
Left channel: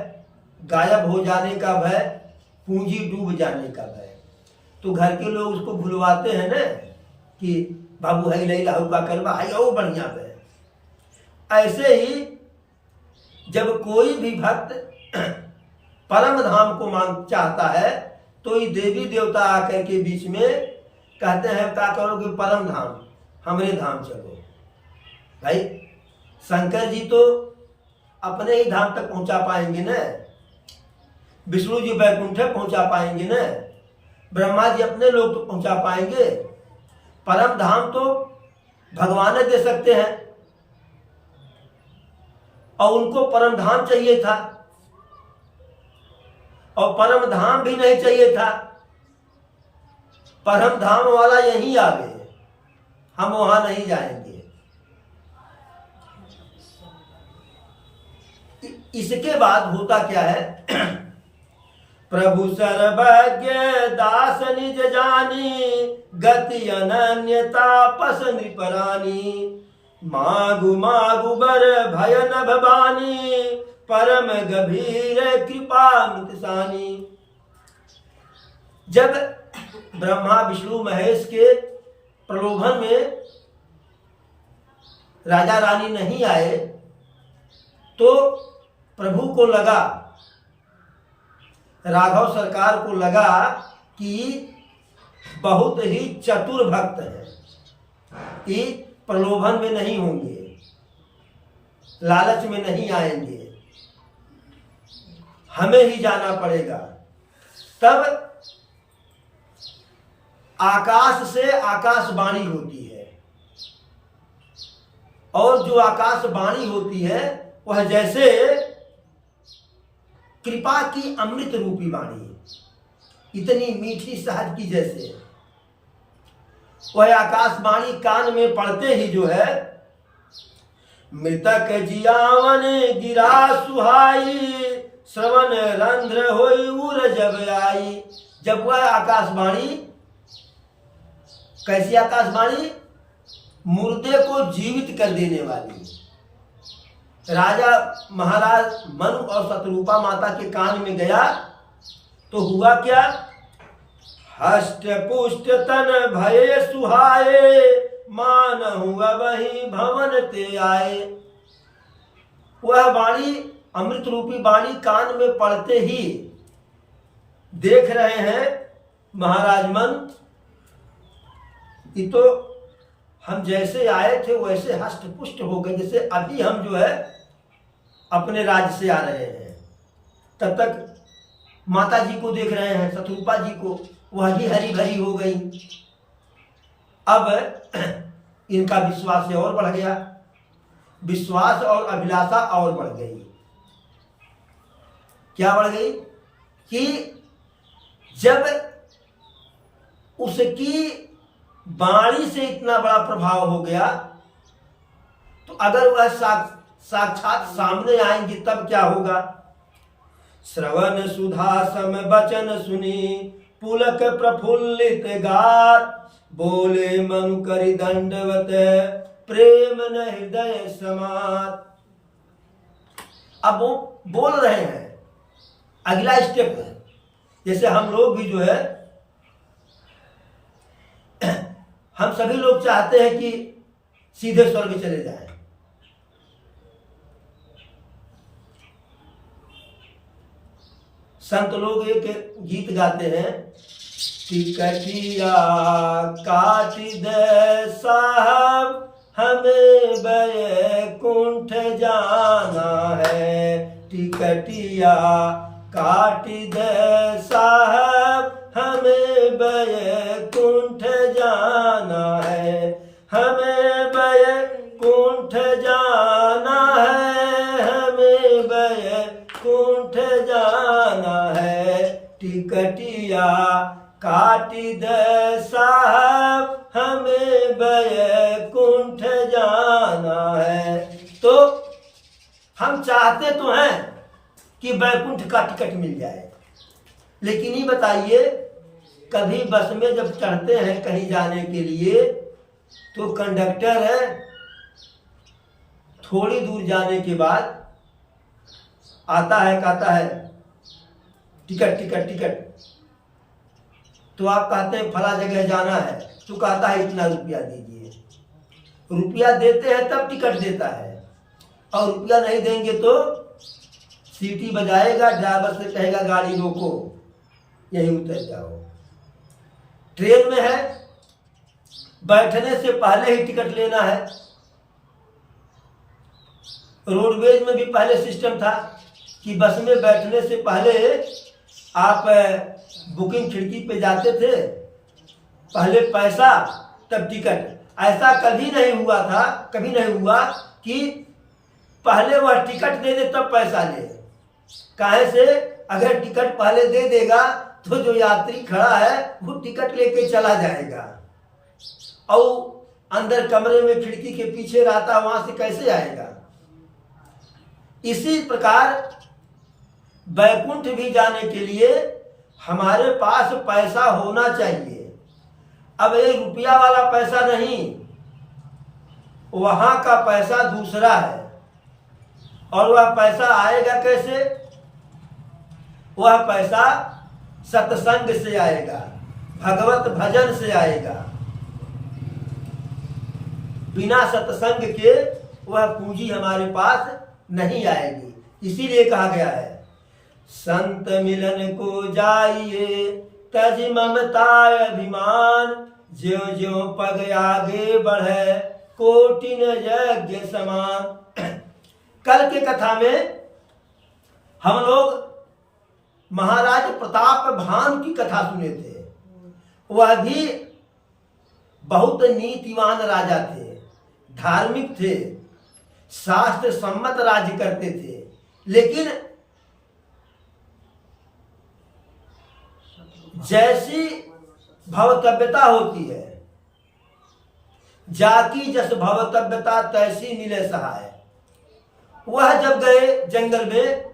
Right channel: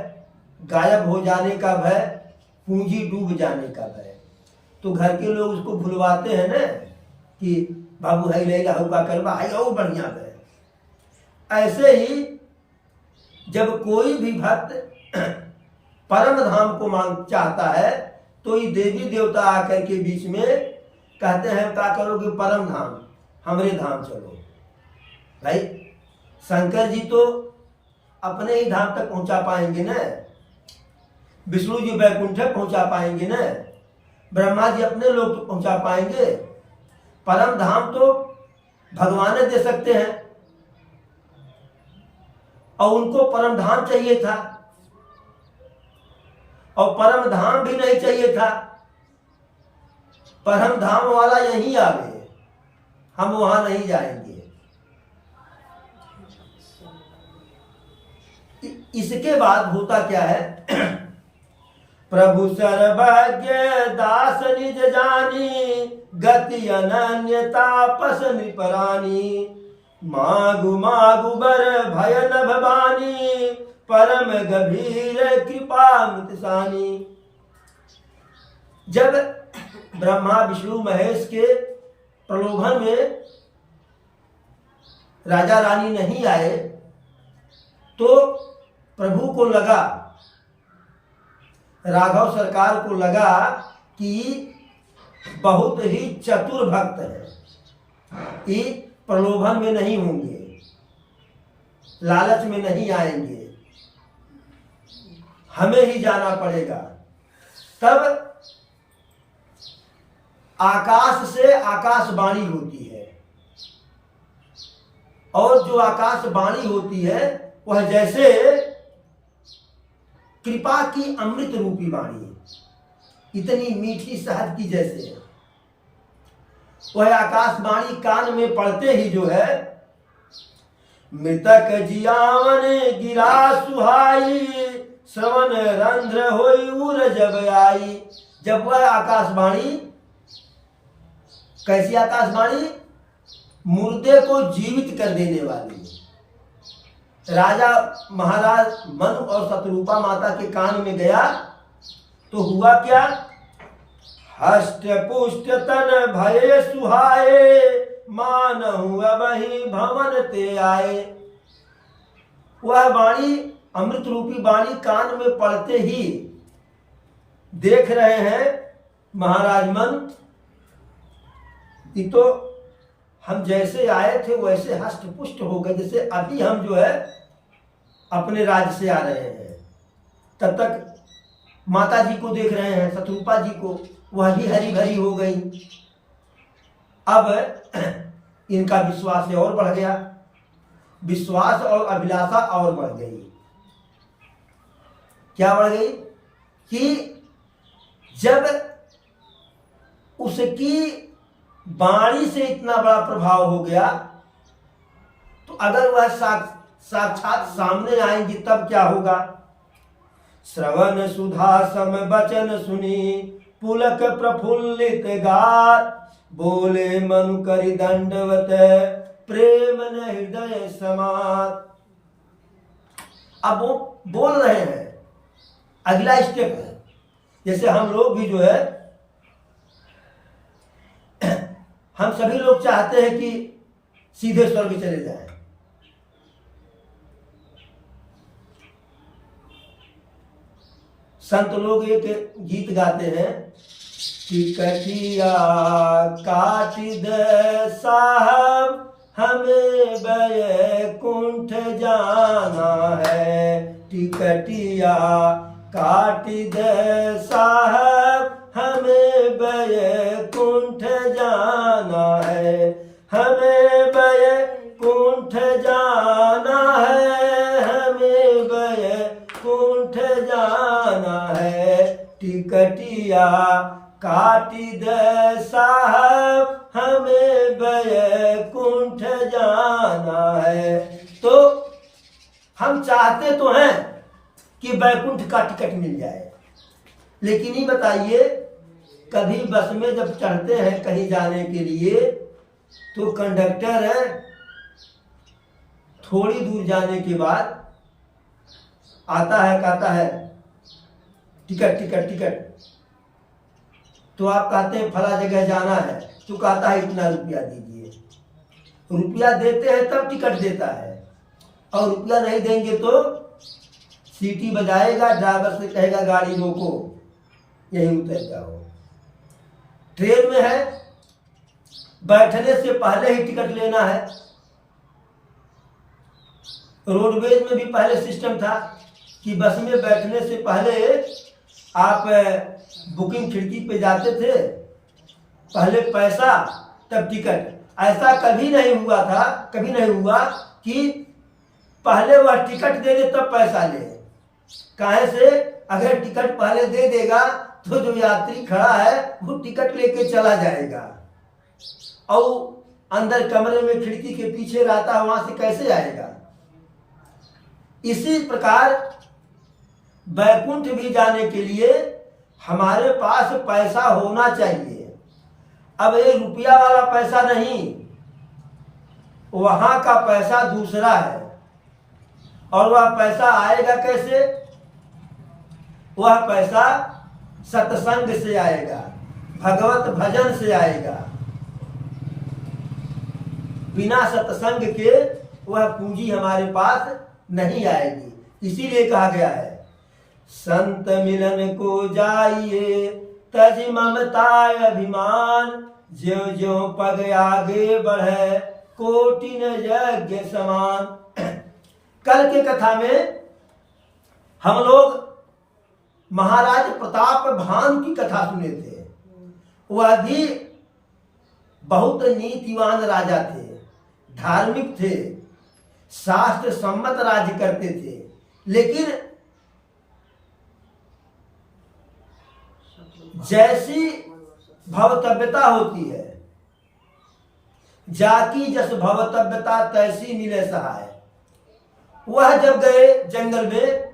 गायब हो जाने का भय, पूंजी डूब जाने का भय। तो घर के लोग उसको भुलवाते हैं ना कि बाबू हाई लई लाहू का करवा हाई और बढ़िया है। ऐसे ही जब कोई भी भक्त परम धाम को मांग चाहता है तो ये देवी देवता आकर के बीच में कहते हैं क्या करोगे, परम धाम, हमरे धाम चलो। भाई शंकर जी तो अपने ही धाम तक पहुंचा पाएंगे न, विष्णु जी वैकुंठ पहुंचा पाएंगे न, ब्रह्मा जी अपने लोग तो पहुंचा पाएंगे। परम धाम तो भगवान दे सकते हैं और उनको परम धाम चाहिए था और परम धाम भी नहीं चाहिए था। परम धाम वाला यहीं आवे, हम वहां नहीं जाएंगे। इसके बाद होता क्या है, प्रभु सर्वज्ञ दास निज जानी, गति अनन्य तापस नृपरानी, मागु मागु बर भय न भवानी, परम गंभीर कृपा मृतसानी। जब ब्रह्मा विष्णु महेश के प्रलोभन में राजा रानी नहीं आए तो प्रभु को लगा, राघव सरकार को लगा कि बहुत ही चतुर भक्त हैं, कि प्रलोभन में नहीं होंगे, लालच में नहीं आएंगे, हमें ही जाना पड़ेगा। तब आकाश से आकाशवाणी होती है और जो आकाशवाणी होती है वह जैसे कृपा की अमृत रूपी वाणी, इतनी मीठी शहद की जैसे। वह आकाशवाणी कान में पड़ते ही जो है, मृतक जियावन गिरा सुहाई, श्रवण रंध्र होई उर जब आई। जब वह आकाशवाणी, कैसी आकाशवाणी? मुर्दे को जीवित कर देने वाली। राजा महाराज मनु और शतरूपा माता के कान में गया तो हुआ क्या? हष्ट पुष्ट तन भय सुहाए, मानहु अबहि भवन ते आए। वह वाणी, अमृत रूपी वाणी कान में पड़ते ही देख रहे हैं महाराज मन, ये तो हम जैसे आए थे वैसे हष्ट पुष्ट हो गए, जैसे अभी हम जो है अपने राज्य से आ रहे हैं। तब तक माता जी को देख रहे हैं, शतरूपा जी को, वह भी हरी भरी हो गई। अब इनका विश्वास और बढ़ गया, विश्वास और अभिलाषा और बढ़ गई। क्या बढ़ गई कि जब उसकी वाणी से इतना बड़ा प्रभाव हो गया, तो अगर वह साक्षात सामने आएंगी तब क्या होगा। श्रवण सुधा सम वचन सुनी पुलक प्रफुल्लित गात, बोले मनु करि दंडवत प्रेम न हृदय समात। अब वो बोल रहे हैं, अगला स्टेप है। जैसे हम लोग भी जो है, हम सभी लोग चाहते हैं कि सीधे स्वर्ग चले जाएं। संत लोग एक गीत गाते हैं, टिकटिया काट दे साहब हमें बैकुंठ जाना है, टिकटिया काट दे साहब हमें बैकुंठ जाना है, हमें बैकुंठ जाना है, हमें बैकुंठ जाना है, टिकटिया काट दे साहब हमें बैकुंठ जाना है। तो हम चाहते तो हैं कि बैकुंठ का टिकट मिल जाए, लेकिन ये बताइए, कभी बस में जब चढ़ते हैं कहीं जाने के लिए, तो कंडक्टर है थोड़ी दूर जाने के बाद आता है, कहता है टिकट टिकट टिकट। तो आप कहते हैं फला जगह जाना है, तो कहता है इतना रुपया दीजिए। रुपया देते हैं तब टिकट देता है, और रुपया नहीं देंगे तो सीटी बजाएगा, ड्राइवर से कहेगा गाड़ी रोको, यहीं उतर जाओ। ट्रेन में है, बैठने से पहले ही टिकट लेना है। रोडवेज में भी पहले सिस्टम था कि बस में बैठने से पहले आप बुकिंग खिड़की पे जाते थे, पहले पैसा तब टिकट। ऐसा कभी नहीं हुआ था, कभी नहीं हुआ कि पहले वह टिकट दे दे तब पैसा ले। काहे से, अगर टिकट पहले दे देगा तो जो यात्री खड़ा है वो टिकट लेके चला जाएगा, और अंदर कमरे में खिड़की के पीछे रहता, वहां से कैसे आएगा। इसी प्रकार बैकुंठ भी जाने के लिए हमारे पास पैसा होना चाहिए। अब ये रुपया वाला पैसा नहीं, वहां का पैसा दूसरा है। और वह पैसा आएगा कैसे? वह पैसा सत्संग से आएगा, भगवत भजन से आएगा। बिना सत्संग के वह पूंजी हमारे पास नहीं आएगी। इसीलिए कहा गया है, संत मिलन को जाइए तज ममता अभिमान, ज्यों ज्यों पग आगे बढ़े कोटिन यज्ञ समान। कल के कथा में हम लोग महाराज प्रताप भानु की कथा सुने थे। वह भी बहुत नीतिवान राजा थे, धार्मिक थे, शास्त्र सम्मत राज्य करते थे। लेकिन जैसी भवतव्यता होती है, जाकी जस भवतव्यता तैसी मिले सहाय। वह जब गए जंगल में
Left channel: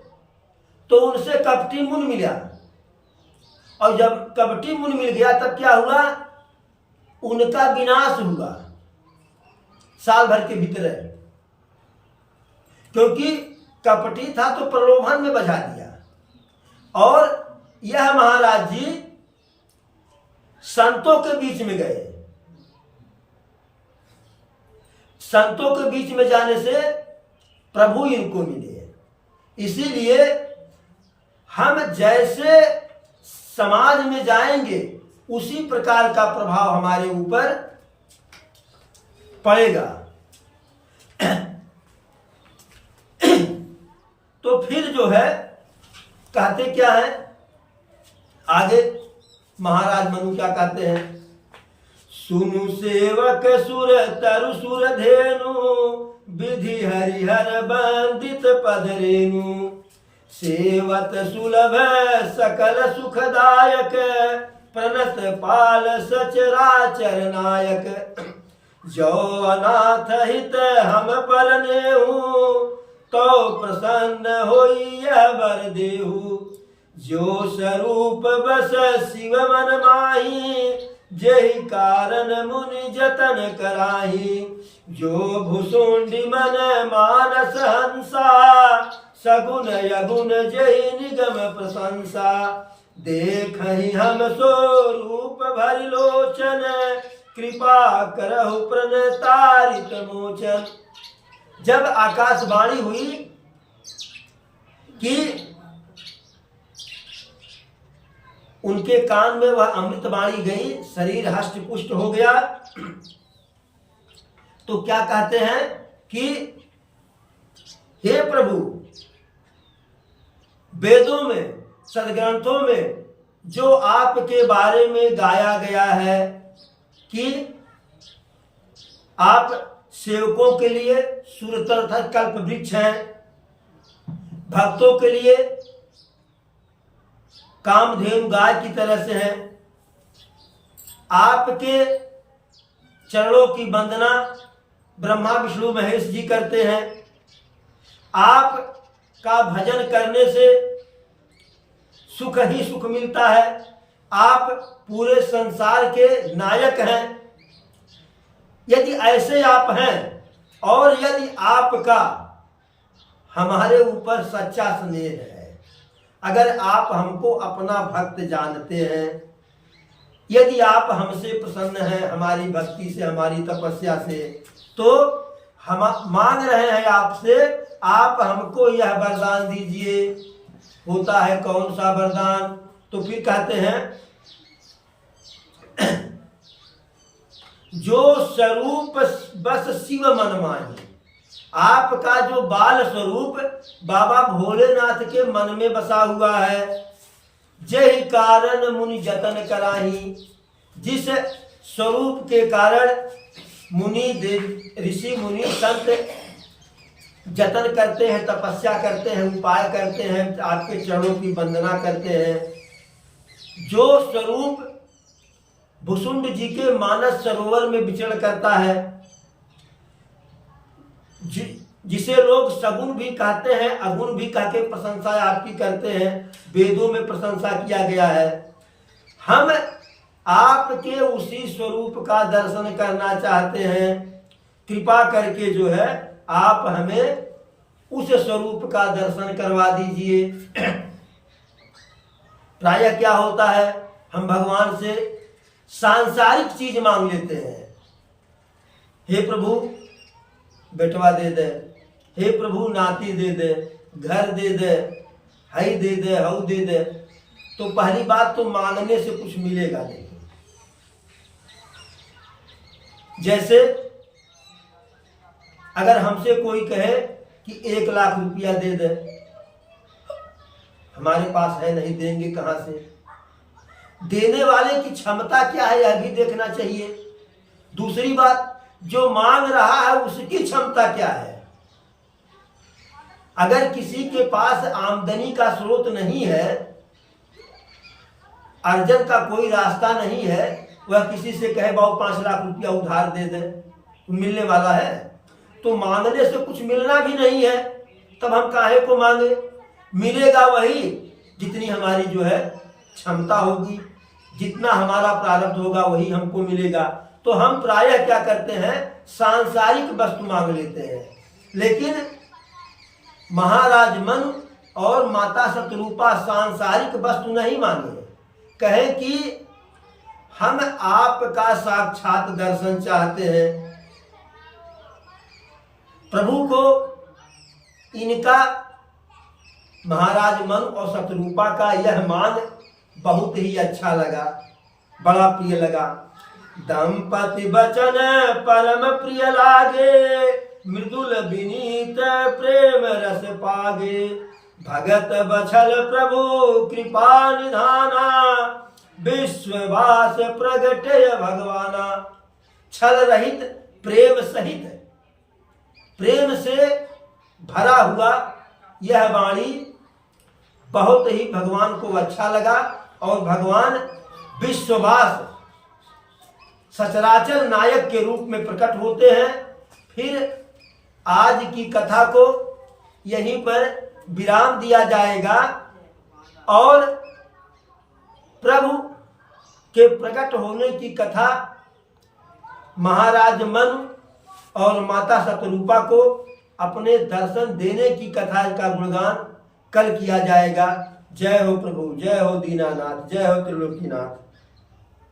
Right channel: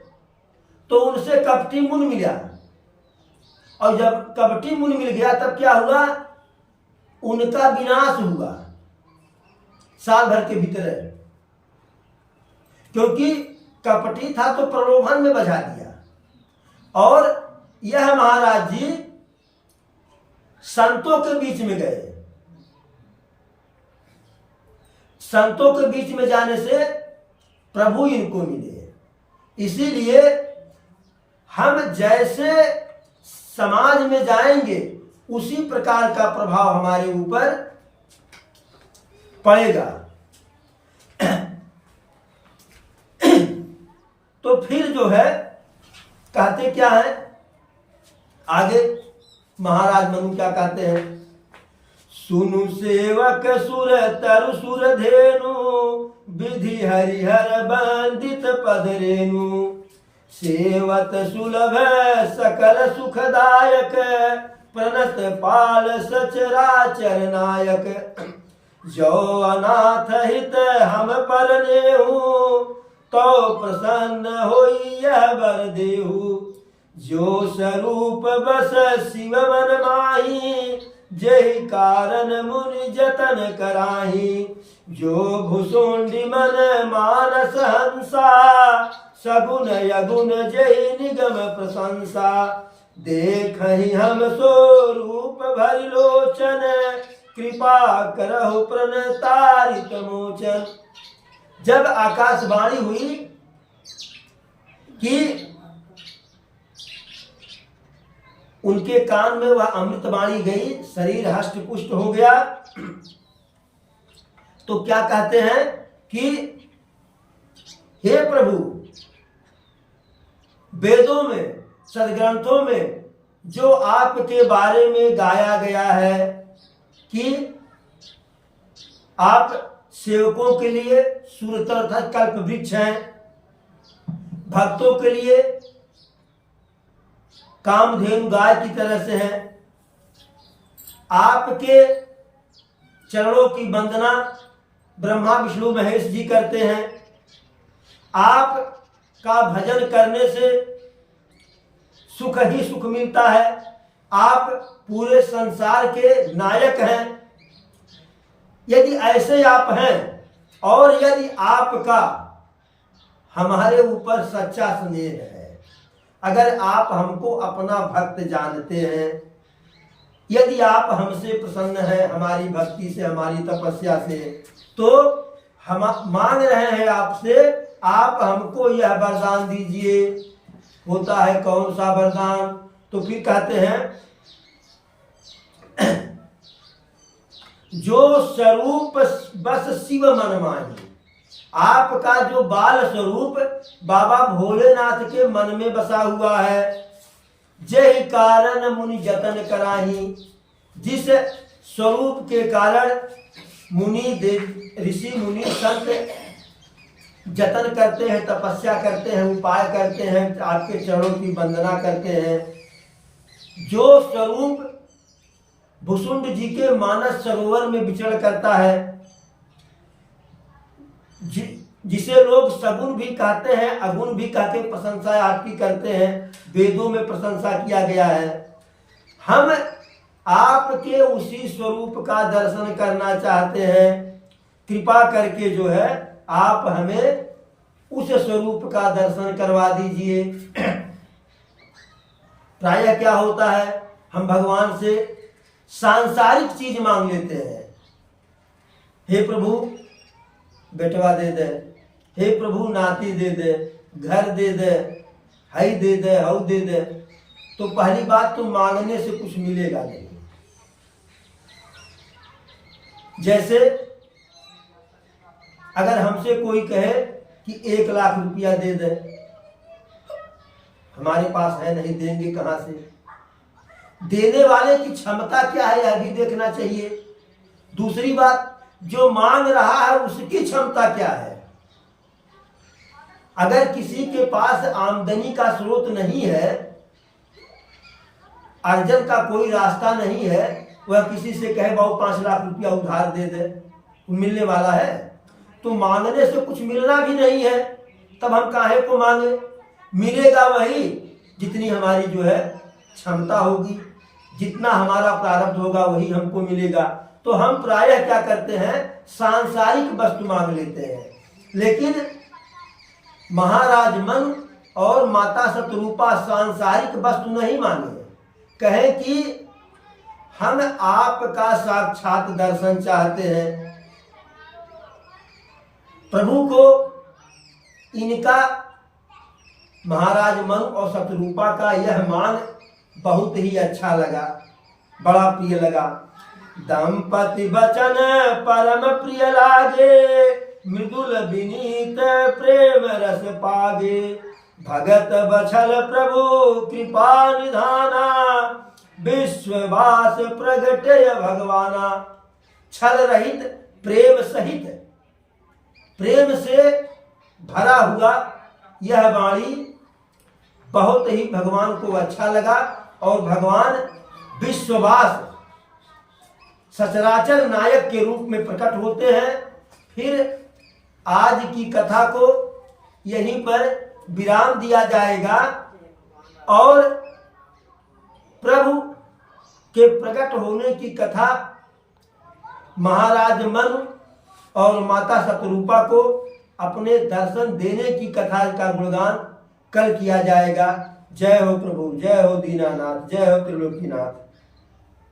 तो उनसे कपटी मुन मिला, और जब कपटी मुन मिल गया तब क्या हुआ? उनका विनाश हुआ साल भर के भीतर, क्योंकि कपटी था तो प्रलोभन में बजा दिया। और यह महाराज जी संतों के बीच में गए। संतों के बीच में जाने से प्रभु इनको मिले। इसीलिए हम जैसे समाज में जाएंगे उसी प्रकार का प्रभाव हमारे ऊपर पड़ेगा। तो फिर जो है कहते क्या है आगे, महाराज मनु क्या कहते हैं? सुनु सेवक सुर तरु सुर धेनु, विधि हरिहर बंदित पद रेनु, सेवत सुलभ सकल सुखदायक, प्रणत पाल सचराचर नायक। जो अनाथ हित हम पर नेहु, तो प्रसन्न होई यह बर देहु। जो स्वरूप बस शिव मन माही, जेहि कारण मुनि जतन कराही। जो भुसुंडी मन मानस हंसा, सगुन यगुन जेहि निगम प्रशंसा। देखहि हम सो रूप भरि लोचन, कृपा करहु प्रणतारित मोचन। जब आकाशवाणी हुई कि उनके कान में वह अमृतवाणी गई, शरीर हष्ट पुष्ट हो गया, तो क्या कहते हैं कि हे प्रभु, वेदों में सदग्रंथों में जो आपके बारे में गाया गया है कि आप सेवकों के लिए सुरतर कल्प वृक्ष हैं, भक्तों के लिए कामधेनु गाय की तरह से हैं, आपके चरणों की वंदना ब्रह्मा विष्णु महेश जी करते हैं। आप का भजन करने से सुख ही सुख मिलता है। आप पूरे संसार के नायक हैं। यदि ऐसे आप हैं और यदि आपका हमारे ऊपर सच्चा स्नेह है, अगर आप हमको अपना भक्त जानते हैं, यदि आप हमसे प्रसन्न हैं, हमारी भक्ति से, हमारी तपस्या से, तो हम मांग रहे हैं आपसे, आप हमको यह वरदान दीजिए। होता है कौन सा वरदान? तो फिर कहते हैं जो स्वरूप बस शिव मन माही। आपका जो बाल स्वरूप बाबा भोलेनाथ के मन में बसा हुआ है। जय कारण मुनि जतन कराही, जिस स्वरूप के कारण मुनि देव ऋषि मुनि संत जतन करते हैं, तपस्या करते हैं, उपाय करते हैं, आपके चरणों की वंदना करते हैं। जो स्वरूप भुसुंड जी के मानस सरोवर में विचरण करता है, जिसे लोग सगुन भी कहते हैं, अगुण भी कह के प्रशंसा आपकी करते हैं, वेदों में प्रशंसा किया गया है। हम आपके उसी स्वरूप का दर्शन करना चाहते हैं। कृपा करके जो है आप हमें उस स्वरूप का दर्शन करवा दीजिए। प्रायः क्या होता है, हम भगवान से सांसारिक चीज मांग लेते हैं। हे प्रभु बेटवा दे दे, हे प्रभु नाती दे दे, घर दे दे, हई दे दे, हऊ दे दे। तो पहली बात तो मांगने से कुछ मिलेगा नहीं। जैसे अगर हमसे कोई कहे कि 1 लाख रुपया दे दे, हमारे पास है नहीं, देंगे कहां से? देने वाले की क्षमता क्या है यह भी देखना चाहिए। दूसरी बात, जो मांग रहा है उसकी क्षमता क्या है। अगर किसी के पास आमदनी का स्रोत नहीं है, अर्जन का कोई रास्ता नहीं है, वह किसी से कहे बाबू 5 लाख रुपया उधार दे दे, मिलने वाला है? तो मांगने से कुछ मिलना भी नहीं है, तब हम काहे को मांगे? मिलेगा वही जितनी हमारी जो है क्षमता होगी, जितना हमारा प्रारब्ध होगा वही हमको मिलेगा। तो हम प्रायः क्या करते हैं, सांसारिक वस्तु मांग लेते हैं। लेकिन महाराज मन और माता शतरूपा सांसारिक वस्तु नहीं मांगे, कहें कि हम आपका साक्षात दर्शन चाहते हैं। प्रभु को इनका महाराज मन और शतरूपा का यह मांग बहुत ही अच्छा लगा, बड़ा प्रिय लगा। दंपति बचन परम प्रिय लागे, मृदुल विनीत प्रेम रस पागे। भगत बछल प्रभु कृपा निधाना, विश्ववास प्रगटय भगवाना। छल रहित प्रेम सहित, प्रेम से भरा हुआ यह वाणी बहुत ही भगवान को अच्छा लगा और भगवान विश्ववास सचराचर नायक के रूप में प्रकट होते हैं। फिर आज की कथा को यहीं पर विराम दिया जाएगा और प्रभु के प्रकट होने की कथा महाराज मनु और माता शतरूपा को अपने दर्शन देने की कथा का गुणगान कल किया जाएगा। जय हो प्रभु, जय हो दीनानाथ, जय हो त्रिलोकीनाथ।